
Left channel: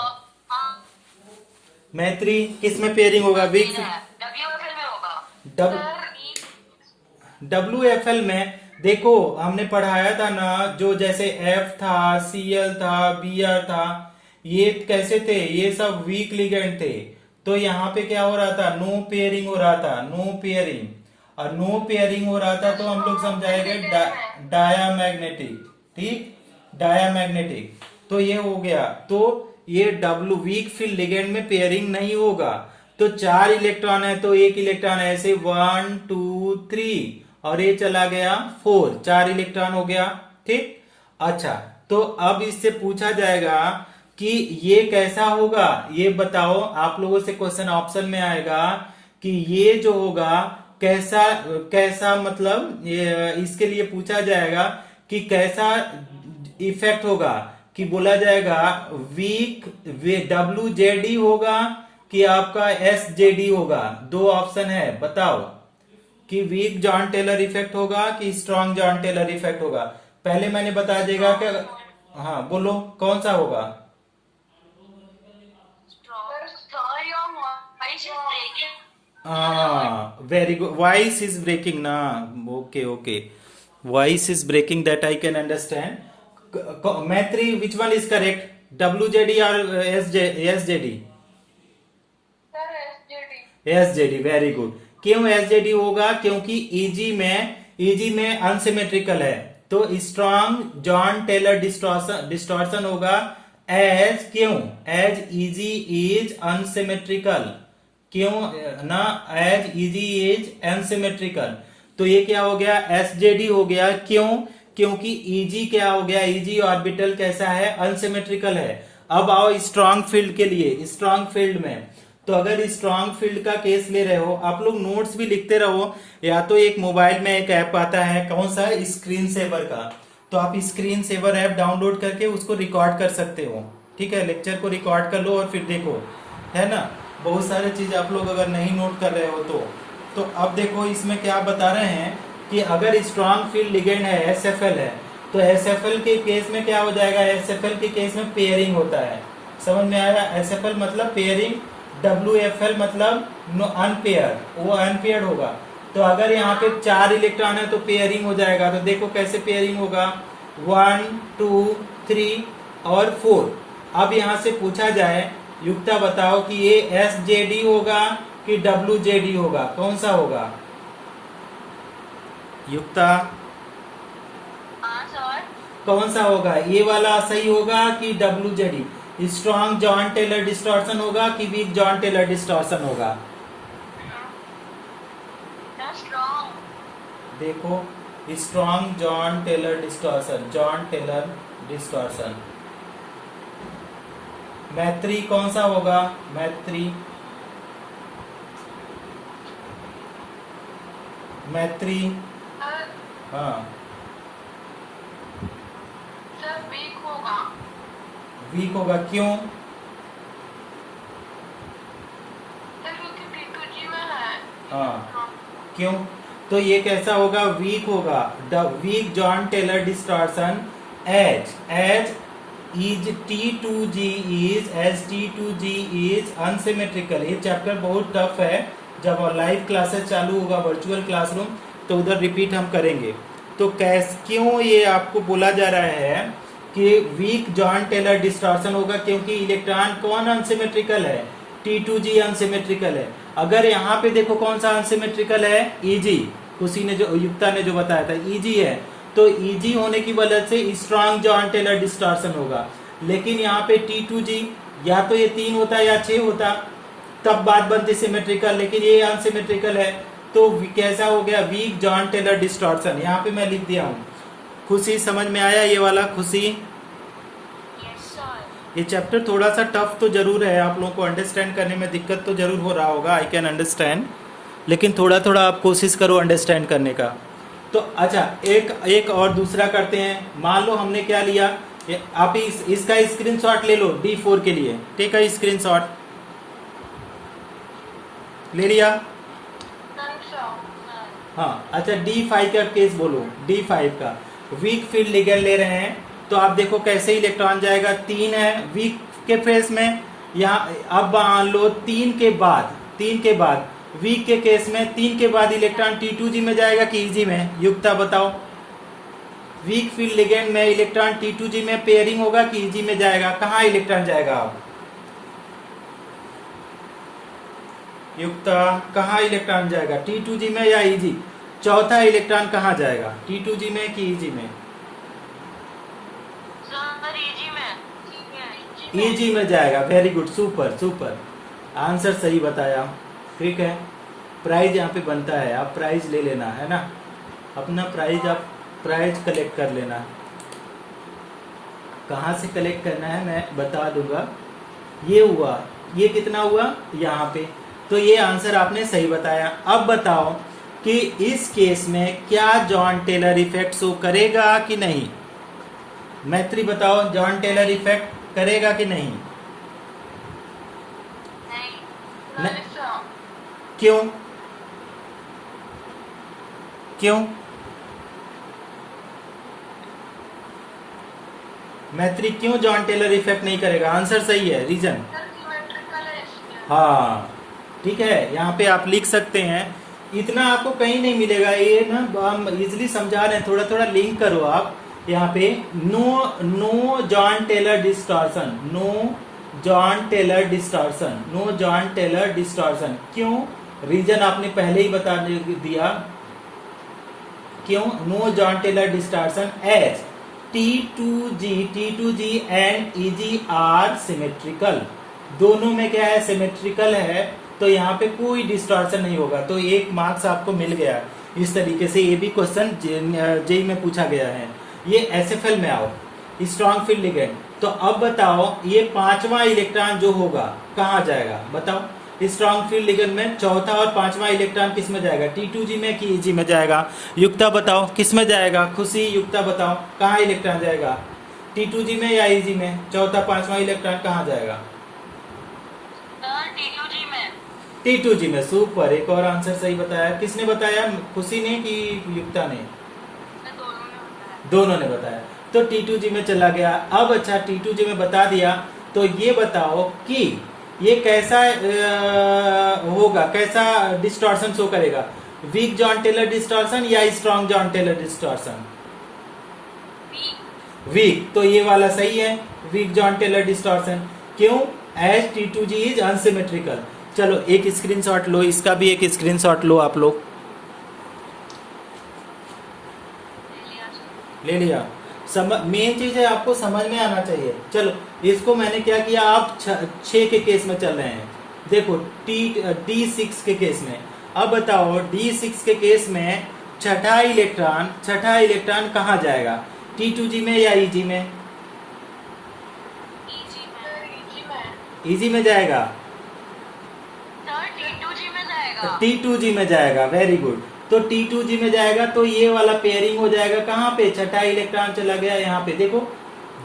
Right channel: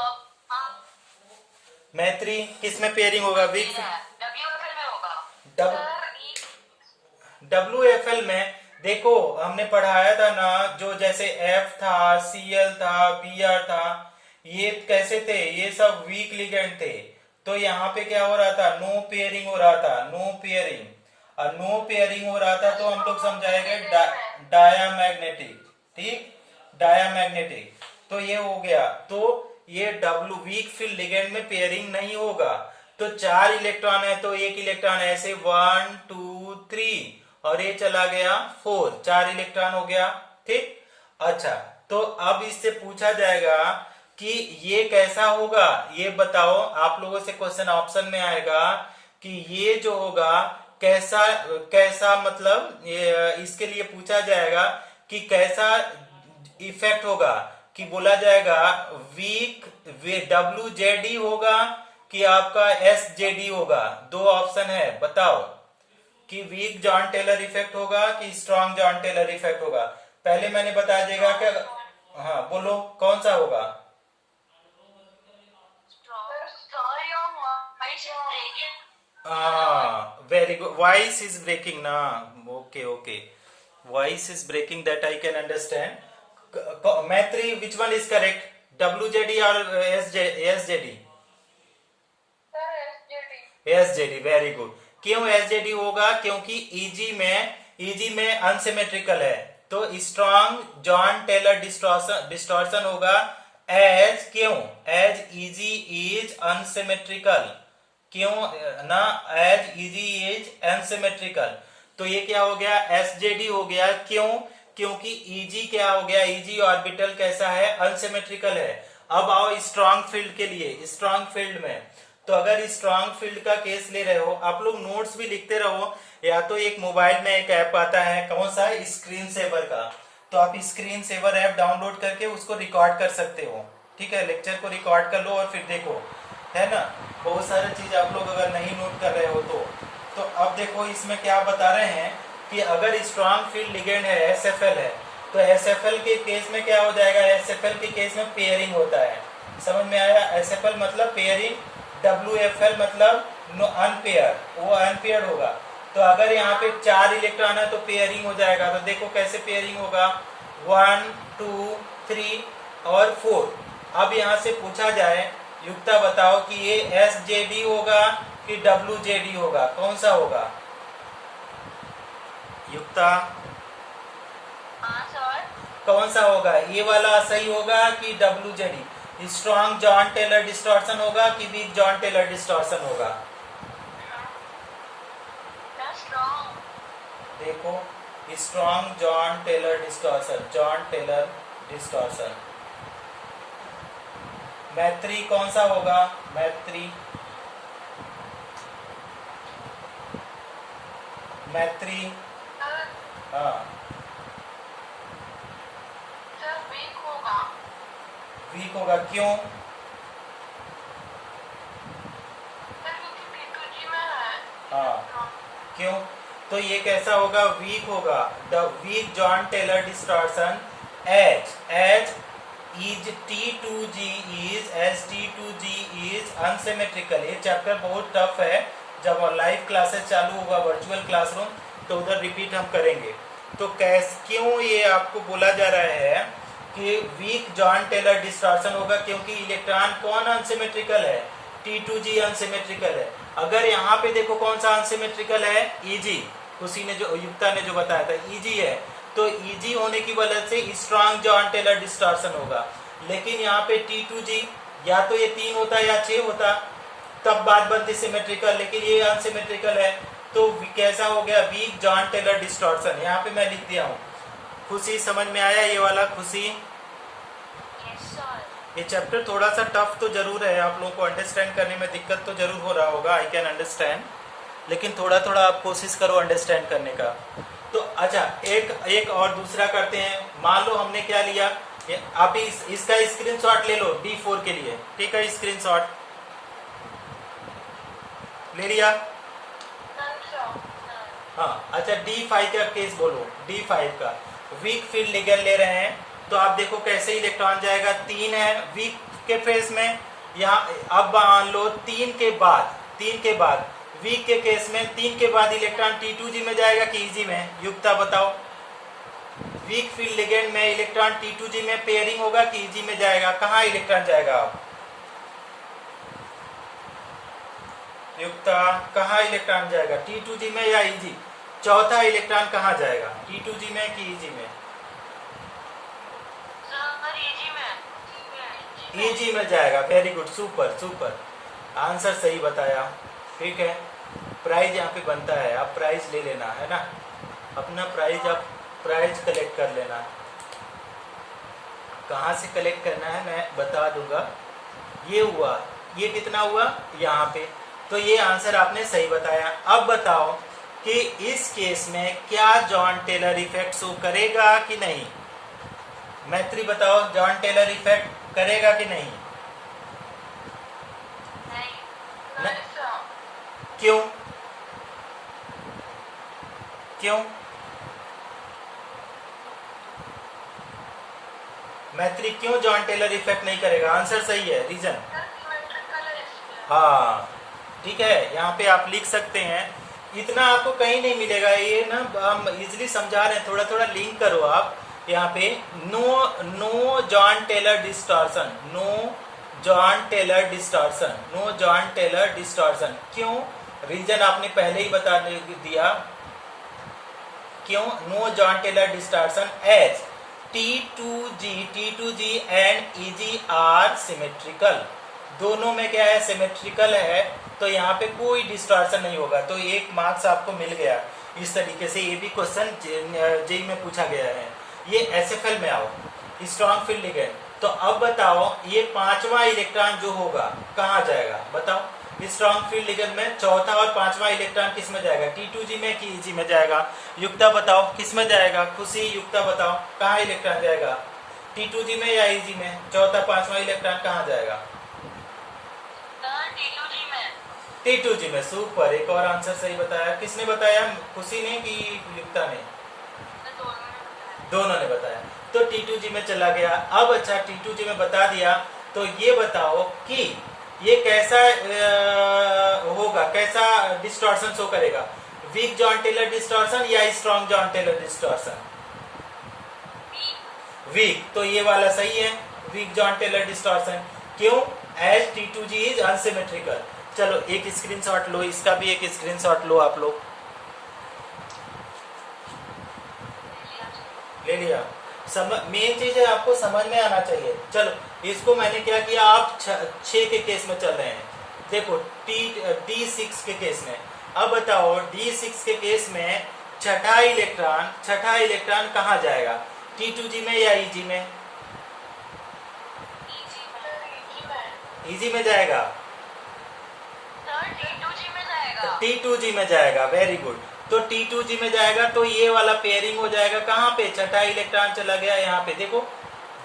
मैत्री किस में पेयरिंग होगा, वीक WFL में होगा। WFL में देखो हमने पढ़ाया था ना, जो जैसे F था, Cl था, Br था, ये कैसे थे, ये सब वीक लिगेंड थे। तो यहाँ पे क्या हो रहा था, नो पेयरिंग हो रहा था, नो पेयरिंग। और नो पेयरिंग हो रहा था तो हम लोग समझाएंगे डायामैग्नेटिक, ठीक, डायामैग्नेटिक। तो ये हो गया। तो ये डब्ल्यू वीक फील्ड लिगेंड में पेयरिंग नहीं होगा। तो 4 इलेक्ट्रॉन है तो एक इलेक्ट्रॉन ऐसे 1 2 3 और ये चला गया 4, 4 इलेक्ट्रॉन हो गया, ठीक। अच्छा, तो अब इससे पूछा जाएगा कि ये कैसा होगा, ये बताओ। आप लोगों से क्वेश्चन ऑप्शन में आएगा कि ये जो होगा कैसा कैसा, मतलब इसके लिए पूछा जाएगा कि कैसा इफेक्ट होगा, कि बोला जाएगा वीक WZD होगा कि आपका SZD होगा। दो ऑप्शन है, बताओ कि वीक जॉन टेलर इफेक्ट होगा कि स्ट्रॉन्ग जॉन टेलर इफेक्ट होगा। पहले मैंने बता देगा कि, हाँ बोलो कौन सा होगा। Sorry, your voice is breaking. हाँ, very good, voice is breaking ना, okay okay, voice is breaking, that I can understand. Maitri, which one is correct, WZD or SZD? Sir SJD। SZD, very good. क्यों SZD होगा, क्योंकि EG में unsymmetrical है। तो strong Jahn Teller distortion होगा as, क्यों, as EG is unsymmetrical, क्यों ना, एज EG इज अनसिमेट्रिकल। तो ये क्या हो गया, SJD हो गया। क्यों, क्योंकि EG क्या हो गया, EG ऑर्बिटल कैसा है, अनसिमेट्रिकल है। अब आओ स्ट्रॉन्ग फील्ड के लिए। स्ट्रॉन्ग फील्ड में, तो अगर स्ट्रॉन्ग फील्ड का केस ले रहे हो, आप लोग नोट्स भी लिखते रहो, या तो एक मोबाइल में एक ऐप आता है, कौन सा, स्क्रीन सेवर का। तो आप स्क्रीन सेवर ऐप डाउनलोड करके उसको रिकॉर्ड कर सकते हो, ठीक है, लेक्चर को रिकॉर्ड कर लो और फिर देखो, है ना। बहुत सारी चीज आप लोग अगर नहीं नोट कर रहे हो तो अब देखो इसमें क्या बता रहे हैं कि अगर स्ट्रॉन्ग फील्ड लिगेंड है, SFL है, तो SFL के केस में क्या हो जाएगा, SFL के केस में पेयरिंग होता है। समझ में आया, SFL मतलब पेयरिंग, WFL मतलब अनपेयर, वो अनपेयर होगा। तो अगर यहाँ पे 4 इलेक्ट्रॉन है तो पेयरिंग हो जाएगा। तो देखो कैसे पेयरिंग होगा, 1 2 3 और 4। अब यहाँ से पूछा जाए, युक्ता बताओ कि ये SJD होगा कि WZD होगा, कौन सा होगा युक्ता, हाँ सर। कौन सा होगा, ये वाला सही होगा कि WZD? Strong Jahn Teller distortion होगा कि वीक जॉन टेलर डिस्टॉर्शन होगा? स्ट्रॉन्ग। देखो, strong Jahn Teller distortion, Jahn Teller distortion. Maitri कौन सा होगा, मैत्री, मैत्री, हाँ सर वीक होगा। वीक होगा, क्यों, सर क्योंकि T2G में है। हाँ क्यों, तो ये कैसा होगा, वीक होगा। The weak Jahn Teller distortion as is T2G is unsymmetrical. ये चैप्टर बहुत टफ है, जब लाइव क्लासेस चालू होगा वर्चुअल क्लासरूम तो उधर रिपीट हम करेंगे। तो क्यों ये आपको बोला जा रहा है कि वीक जॉन टेलर डिस्टॉर्शन होगा, क्योंकि इलेक्ट्रॉन कौन अनसिमेट्रिकल है, T2G अनसिमेट्रिकल है। अगर यहाँ पे देखो कौन सा अनसिमेट्रिकल है, EG, उसी ने जो युक्ता ने जो बताया था EG है, तो EG होने की वजह से स्ट्रॉन्ग जॉन टेलर डिस्टॉर्शन होगा। लेकिन यहाँ पे T2G या तो ये 3 होता या 6 होता, तब बात बनती सिमेट्रिकल, लेकिन ये अनसिमेट्रिकल है। तो कैसा हो गया, वीक जॉन टेलर डिस्टॉर्शन। यहाँ पे मैं लिख दिया हूँ। खुशी समझ में आया ये वाला, खुशी? Yes sir. ये चैप्टर थोड़ा सा टफ तो जरूर है, आप लोगों को अंडरस्टैंड करने में दिक्कत तो जरूर हो रहा होगा, आई कैन अंडरस्टैंड, लेकिन थोड़ा थोड़ा आप कोशिश करो अंडरस्टैंड करने का। तो अच्छा, एक और दूसरा करते हैं। मान लो हमने क्या लिया, आप इसका स्क्रीनशॉट ले लो D4 के लिए, ठीक है, स्क्रीनशॉट ले लिया, हाँ। अच्छा, D5 का केस बोलो, D5 का वीक फील्ड लिगेंड ले रहे हैं, तो आप देखो कैसे इलेक्ट्रॉन जाएगा, 3 है वीक के फेस में, यहाँ अब मान लो 3 के बाद वीक के केस में 3 के बाद इलेक्ट्रॉन T2G में जाएगा कि EG में, युक्ता बताओ, वीक फील्ड लिगेंड में इलेक्ट्रॉन T2G में पेयरिंग होगा कि Eg में जाएगा? कहाँ इलेक्ट्रॉन जाएगा? आप युक्ता, कहाँ इलेक्ट्रॉन जाएगा? T2G में या Eg? चौथा इलेक्ट्रॉन कहाँ जाएगा? T2G में कि Eg में? सर इजी में Eg में जाएगा। Very good, super super, answer सही बताया। ठीक है, प्राइज यहाँ पे बनता है, आप प्राइज ले लेना है ना, अपना प्राइज आप प्राइज कलेक्ट कर लेना। कहाँ से कलेक्ट करना है मैं बता दूंगा। ये हुआ, ये कितना हुआ यहाँ पे, तो ये आंसर आपने सही बताया। अब बताओ कि इस केस में क्या जॉन टेलर इफेक्ट शो करेगा कि नहीं? मैत्री बताओ, जॉन टेलर इफेक्ट करेगा कि नहीं? नहीं न- Melissa. क्यों? क्यों? मैत्री, क्यों जॉन टेलर इफेक्ट नहीं करेगा? आंसर सही है, रीजन। Symmetrical है इसलिए. हाँ ठीक है, यहाँ पे आप लिख सकते हैं। इतना आपको कहीं नहीं मिलेगा, ये ना हम इजिली समझा रहे हैं, थोड़ा थोड़ा लिंक करो आप यहाँ पे। No Jahn Teller distortion, no Jahn Teller distortion, no Jahn Teller distortion. क्यों? रीजन आपने पहले ही बता दिया। क्यों no Jahn Teller distortion? As T2G and Eg are symmetrical, दोनों में क्या है? सिमेट्रिकल है, तो यहाँ पे कोई डिस्टॉर्शन नहीं होगा, तो एक मार्क्स आपको मिल गया। इस तरीके से ये भी क्वेश्चन जेई में पूछा गया है। ये SFL में आओ, स्ट्रॉन्ग फील्ड लिगेंड। तो अब बताओ ये पांचवा इलेक्ट्रॉन जो होगा कहाँ जाएगा? बताओ, स्ट्रॉन्ग फील्ड लिगेंड में चौथा और पांचवा इलेक्ट्रॉन किस में जाएगा? T2G में कि Eg में जाएगा? युक्ता बताओ किस में जाएगा? खुशी, युक्ता बताओ कहाँ इलेक्ट्रॉन जाएगा? T2G में या Eg में? चौथा पांचवा इलेक्ट्रॉन कहाँ जाएगा? सर T2G में T2G में। सुपर, एक और आंसर सही बताया। किसने बताया? खुशी ने कि युक्ता ने? दोनों ने बताया। तो T2G में चला गया। अब अच्छा, T2G में बता दिया, तो ये बताओ कि ये कैसा होगा, कैसा डिस्टॉर्शन शो करेगा? वीक जॉन टेलर डिस्टॉर्शन या strong Jahn Teller distortion? Weak, तो ये वाला सही है, वीक जॉन टेलर डिस्टॉर्शन। क्यों? As T2G is unsymmetrical. चलो एक स्क्रीनशॉट लो, इसका भी एक स्क्रीनशॉट लो आप लोग। ले लिया? मेन चीज है आपको समझ में आना चाहिए। चलो इसको मैंने क्या किया, आप 6 के केस में चल रहे हैं। देखो D6 के केस में। अब बताओ D6 के केस में छठा इलेक्ट्रॉन कहाँ जाएगा? T2G में या Eg में? Eg में जाएगा। सर T2G में जाएगा। T2G में जाएगा, वेरी गुड। तो T2G में जाएगा, तो ये वाला पेयरिंग हो जाएगा कहाँ पे? छठा इलेक्ट्रॉन चला गया यहाँ पे, देखो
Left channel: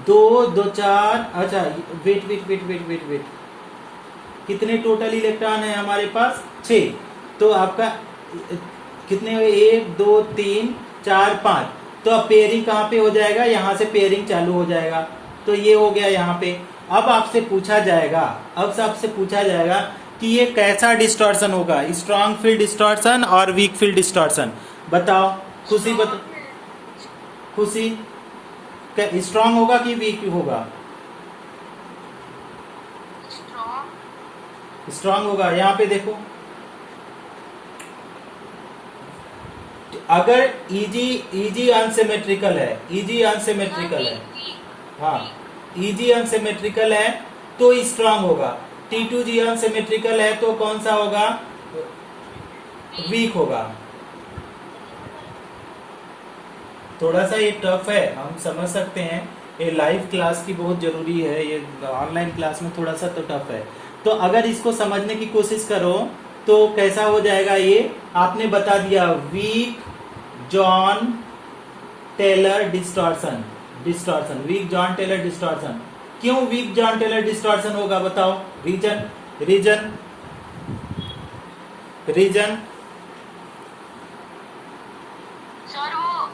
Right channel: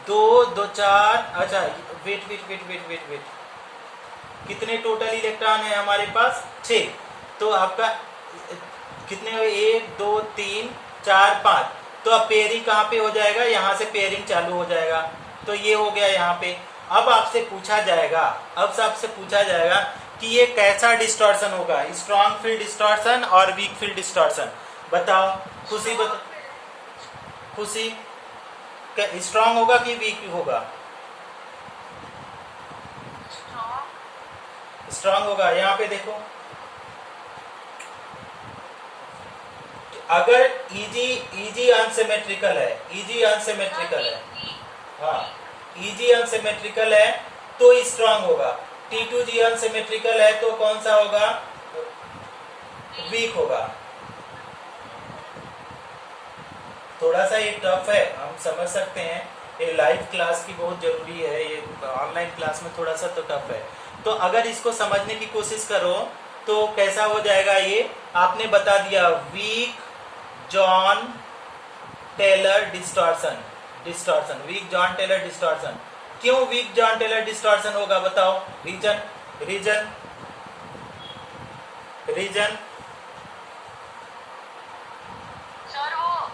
2 2 4। अच्छा वेट, कितने टोटल इलेक्ट्रॉन है हमारे पास? 6। तो आपका कितने हुए? 1 2 3 4 5। तो अब पेयरिंग कहाँ पे हो जाएगा? यहाँ से पेयरिंग चालू हो जाएगा। तो ये हो गया यहाँ पे। अब आपसे पूछा जाएगा कि ये कैसा डिस्टॉर्शन होगा, स्ट्रॉन्ग फील्ड डिस्टॉर्शन और वीक फील्ड डिस्टॉर्शन? बताओ खुशी, खुशी, क्या स्ट्रॉन्ग होगा कि वीक होगा? स्ट्रॉन्ग होगा। यहाँ पे देखो, अगर Eg अनसिमेट्रिकल है, हाँ Eg अनसिमेट्रिकल है तो स्ट्रॉन्ग होगा। T2G अनसिमेट्रिकल है तो कौन सा होगा? वीक होगा। थोड़ा सा ये टफ है, हम समझ सकते हैं, ये लाइव क्लास की बहुत जरूरी है, ये ऑनलाइन क्लास में थोड़ा सा तो टफ है। तो अगर इसको समझने की कोशिश करो तो कैसा हो जाएगा? ये आपने बता दिया, weak Jahn Teller distortion, weak Jahn Teller distortion. क्यों वीक जॉन टेलर डिस्टॉर्शन होगा? बताओ रीजन। सर वो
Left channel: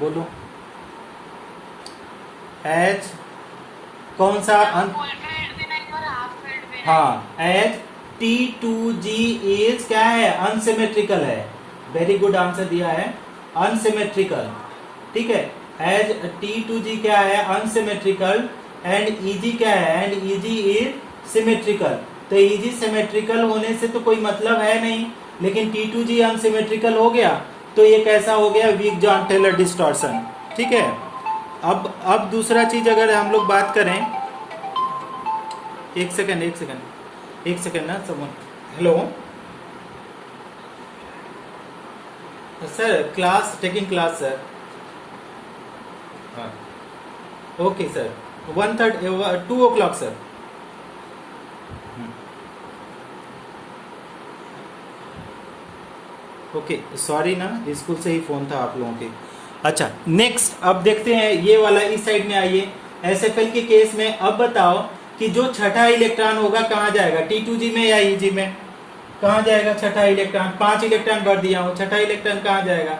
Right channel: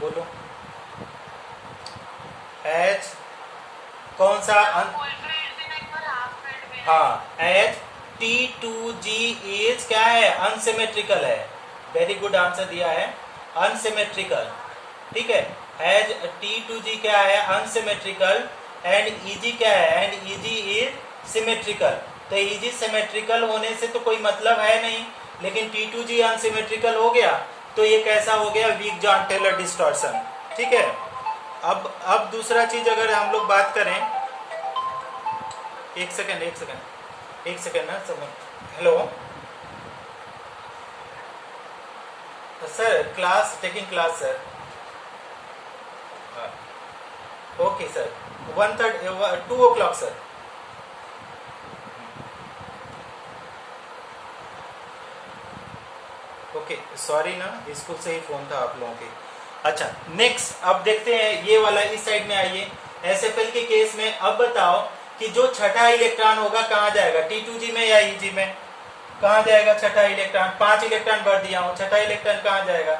बोलो। एच कौन सा? फुल फील्ड भी नहीं और हाफ फील्ड भी नहीं। हाँ, एज T2G इज क्या है? अनसिमेट्रिकल है। वेरी गुड आंसर दिया है। अनसिमेट्रिकल, ठीक है। एज T2G क्या है, अनसिमेट्रिकल, एंड EG क्या है, एंड EG इज सिमेट्रिकल। तो EG सिमेट्रिकल होने से तो कोई मतलब है नहीं, लेकिन T2G अनसिमेट्रिकल हो गया तो ये कैसा हो गया, वीक जॉन टेलर डिस्टॉर्शन, ठीक है। अब दूसरा चीज अगर हम लोग बात करें, एक सेकेंड ना समझ। Hello sir, class taking class sir. Okay sir, 2 o'clock sir. Okay sorry ना, स्कूल से ही फोन था आप लोगों के। अच्छा नेक्स्ट, अब देखते हैं ये वाला, इस साइड में आइए। एसएफएल के केस में अब बताओ कि जो छठा इलेक्ट्रॉन होगा कहाँ जाएगा, T2G में या EG में, कहाँ जाएगा छठा इलेक्ट्रॉन? 5 इलेक्ट्रॉन भर दिया हूँ, छठा इलेक्ट्रॉन कहाँ जाएगा?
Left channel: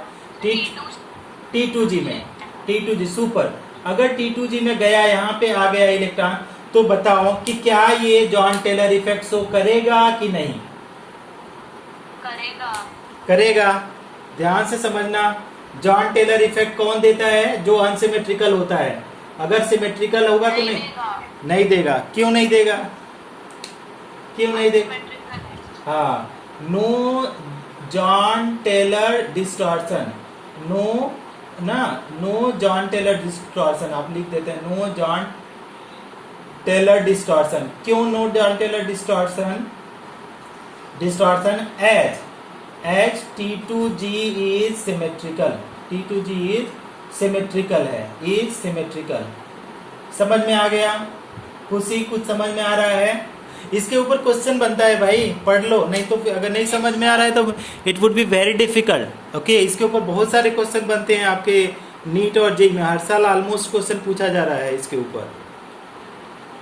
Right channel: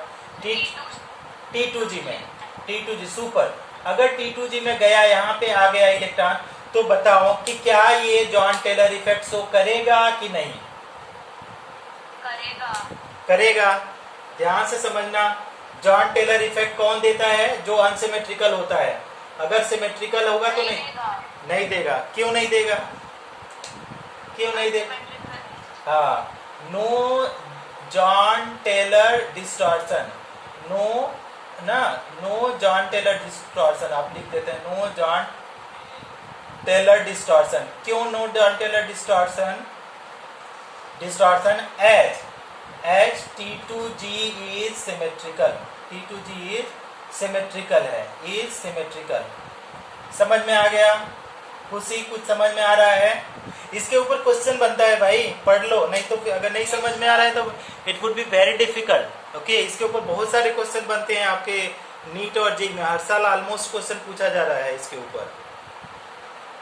T2G में। T2G super. अगर T2G में गया, यहाँ पे आ गया इलेक्ट्रॉन, तो बताओ कि क्या ये जॉन टेलर इफेक्ट शो करेगा कि नहीं करेगा? ध्यान से समझना, जॉन टेलर इफेक्ट कौन देता है? जो अनसिमेट्रिकल होता है। अगर सिमेट्रिकल होगा तो नहीं देगा। क्यों नहीं देगा? हाँ, no Jahn Teller distortion, no Jahn Teller distortion आप लिख देते हैं, नो जॉन टेलर डिस्टॉर्शन। क्यों no Jahn Teller distortion? As T2G is symmetrical, T2G is symmetrical है, इज सिमेट्रिकल। समझ में आ गया? कुछ समझ में आ रहा है? इसके ऊपर क्वेश्चन बनता है भाई, पढ़ लो, नहीं तो अगर नहीं समझ में आ रहा है तो it would be very difficult. Okay, इसके ऊपर बहुत सारे क्वेश्चन बनते हैं आपके नीट और जेईई में, हर साल ऑलमोस्ट क्वेश्चन पूछा जा रहा है इसके ऊपर।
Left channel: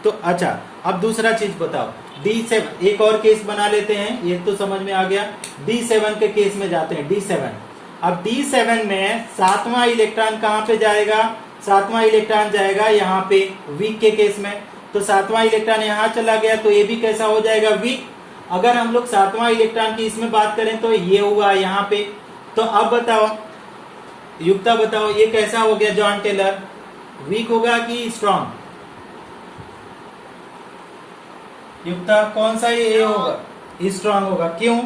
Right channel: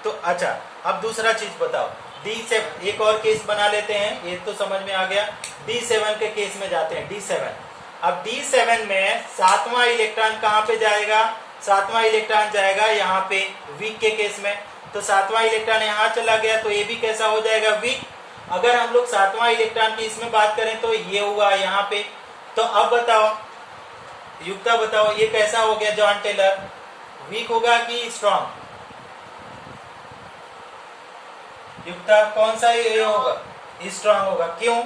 तो अच्छा, अब दूसरा चीज बताओ, D7 एक और केस बना लेते हैं, ये तो समझ में आ गया। D7 के केस में जाते हैं, D7। अब D7 में 7वां इलेक्ट्रॉन कहाँ पे जाएगा? 7वां इलेक्ट्रॉन जाएगा यहाँ पे, वीक के केस में। तो 7वां इलेक्ट्रॉन यहाँ चला गया, तो ये भी कैसा हो जाएगा, वीक। अगर हम लोग 7वां इलेक्ट्रॉन की इसमें बात करें तो ये हुआ यहाँ पे। तो अब बताओ युक्ता, बताओ ये कैसा हो गया जॉन टेलर, वीक होगा कि स्ट्रॉन्ग? युक्ता कौन सा ये होगा? स्ट्रॉन्ग होगा। क्यों?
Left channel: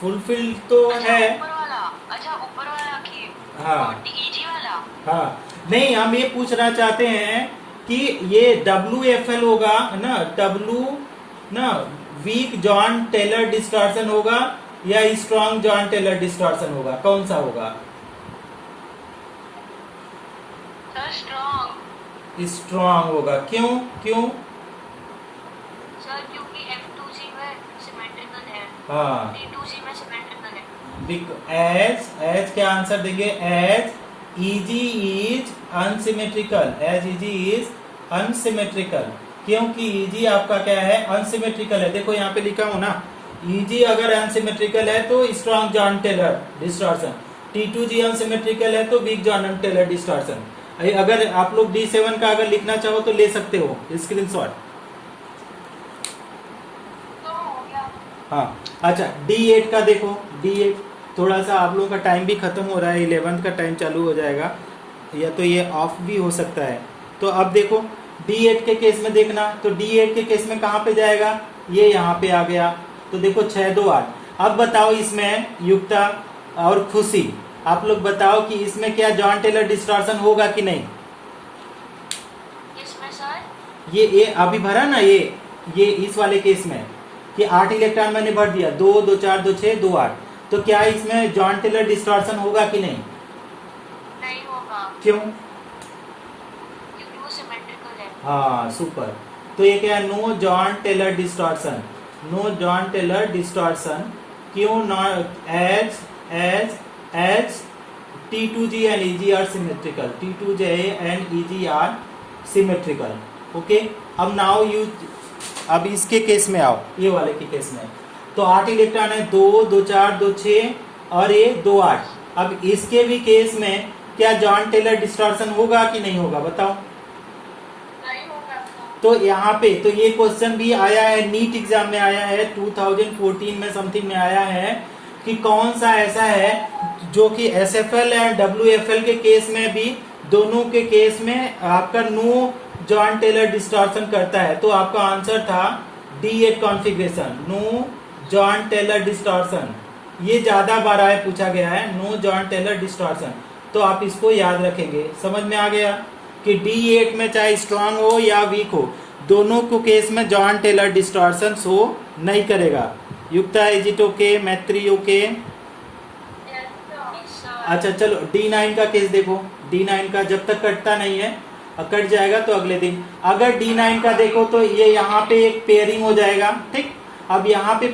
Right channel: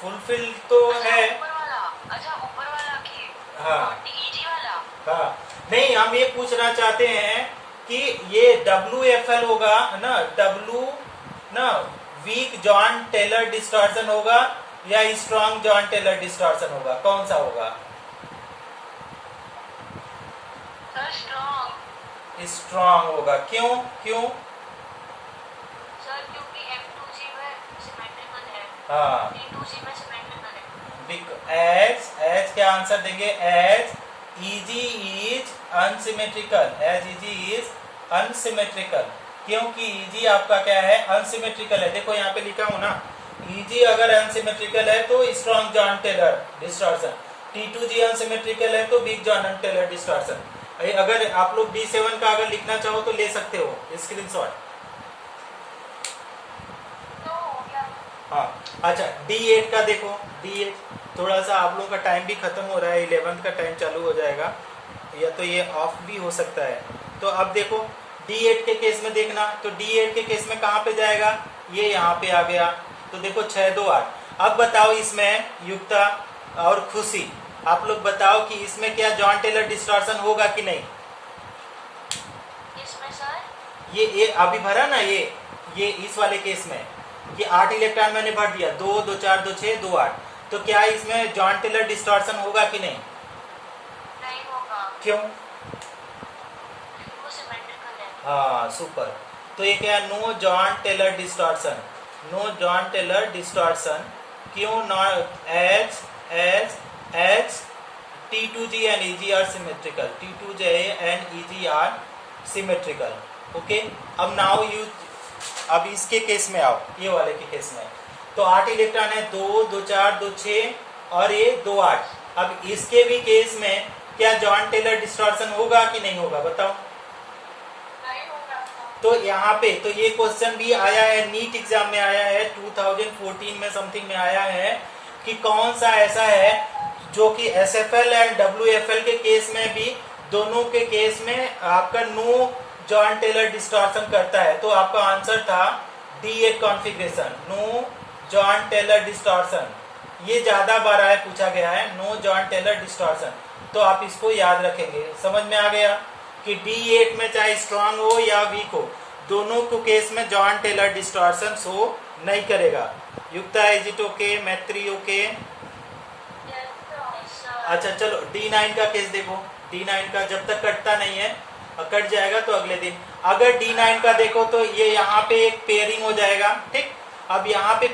फुलफिल तो है। ऊपर वाला की, हाँ EG वाला। हाँ, नहीं हम ये पूछना चाहते हैं कि ये WFL होगा ना, वीक जॉन टेलर डिस्टॉर्शन होगा या स्ट्रॉन्ग जॉन टेलर डिस्टॉर्शन होगा, कौन सा होगा? स्ट्रॉन्ग होगा। क्यों? सर क्योंकि F2G में सिमेट्रिकल है, हाँ, T2G में सिमेट्रिकल है। एज क्या आंसर देंगे? एज EG इज अनसिमेट्रिकल, क्योंकि EG आपका क्या है? अनसिमेट्रिकल है। देखो यहाँ पे लिखा हूं ना, EG अगर अनसिमेट्रिकल है तो strong Jahn Teller distortion, T2G unsymmetrical है तो वीक जॉन टेलर डिस्टॉर्शन। अगर आप लोग D7 का अगर लिखना चाहो तो ले सकते हो स्क्रीनशॉट। हाँ अच्छा, D8 का देखो, D8 थोड़ा सा आप लोगों का टाइम भी खत्म हो रहा है, 11th का टाइम चालू हो जाएगा, या तो ये ऑफ भी हो सकता है। तो अब देखो D8 के केस में देखना, तो D8 के केस में कहाँ पे जाएगा? ये यहाँ पे आ गया। तो देखो 6 2 8। अब बताओ इसमें युक्ता और खुशी, आप लोग बताओ कि इसमें क्या जॉन टेलर डिस्टॉर्शन होगा कि नहीं? इसमें सर ये अभी भरा ना, ये इस वाले केस में कि 8 इलेक्ट्रॉन मैंने भर दिया, 2 2 4 2 6 2 8। तो क्या इसमें जॉन टेलर डिस्टॉर्शन होगा कि नहीं? नहीं होगा। क्यों? क्योंकि वो सिमेट्रिकल है। हाँ सुपर। तो ये क्या है? No Jahn Teller distortion, no Jahn Teller distortion. क्यों? Not as T2G and EG are symmetrical, T2G and EG are symmetrical. Okay, अब नाउ यू, अब इसके केस में आओ, ये वाले के केस में। तो 8 इलेक्ट्रॉन है, 2 2 4 2 6 और ये 2 8। अब इसके भी केस में क्या जॉन टेलर डिस्टॉर्शन होगा कि नहीं होगा? बताओ। नहीं होगा। तो यहाँ पे तो ये क्वेश्चन भी आया है, नीट एग्जाम में आया है, 2014 में समथिंग में आया है कि कौन सा ऐसा है जो कि SFL एंड WFL के केस में भी, दोनों के केस में आपका नो जॉइंट टेलर डिस्टॉर्शन करता है। तो आपका आंसर था D8 configuration, no Jahn Teller distortion. ये ज्यादा बार आया पूछा गया है, नो जॉइंट टेलर डिस्टॉर्शन। तो आप इसको याद रखेंगे। समझ में आ गया कि D8 में चाहे स्ट्रांग हो या वीक हो, दोनों को केस में जॉइंट टेलर डिस्टॉर्शन शो नहीं करेगा। युक्ता इज इट ओके? मैत्री ओके? अच्छा चलो D9 का केस देखो। D9 का जब तक कटता नहीं है, कट जाएगा तो अगले दिन। अगर D9 का देखो तो ये यहाँ पे एक पेयरिंग हो जाएगा, ठीक। अब यहाँ पे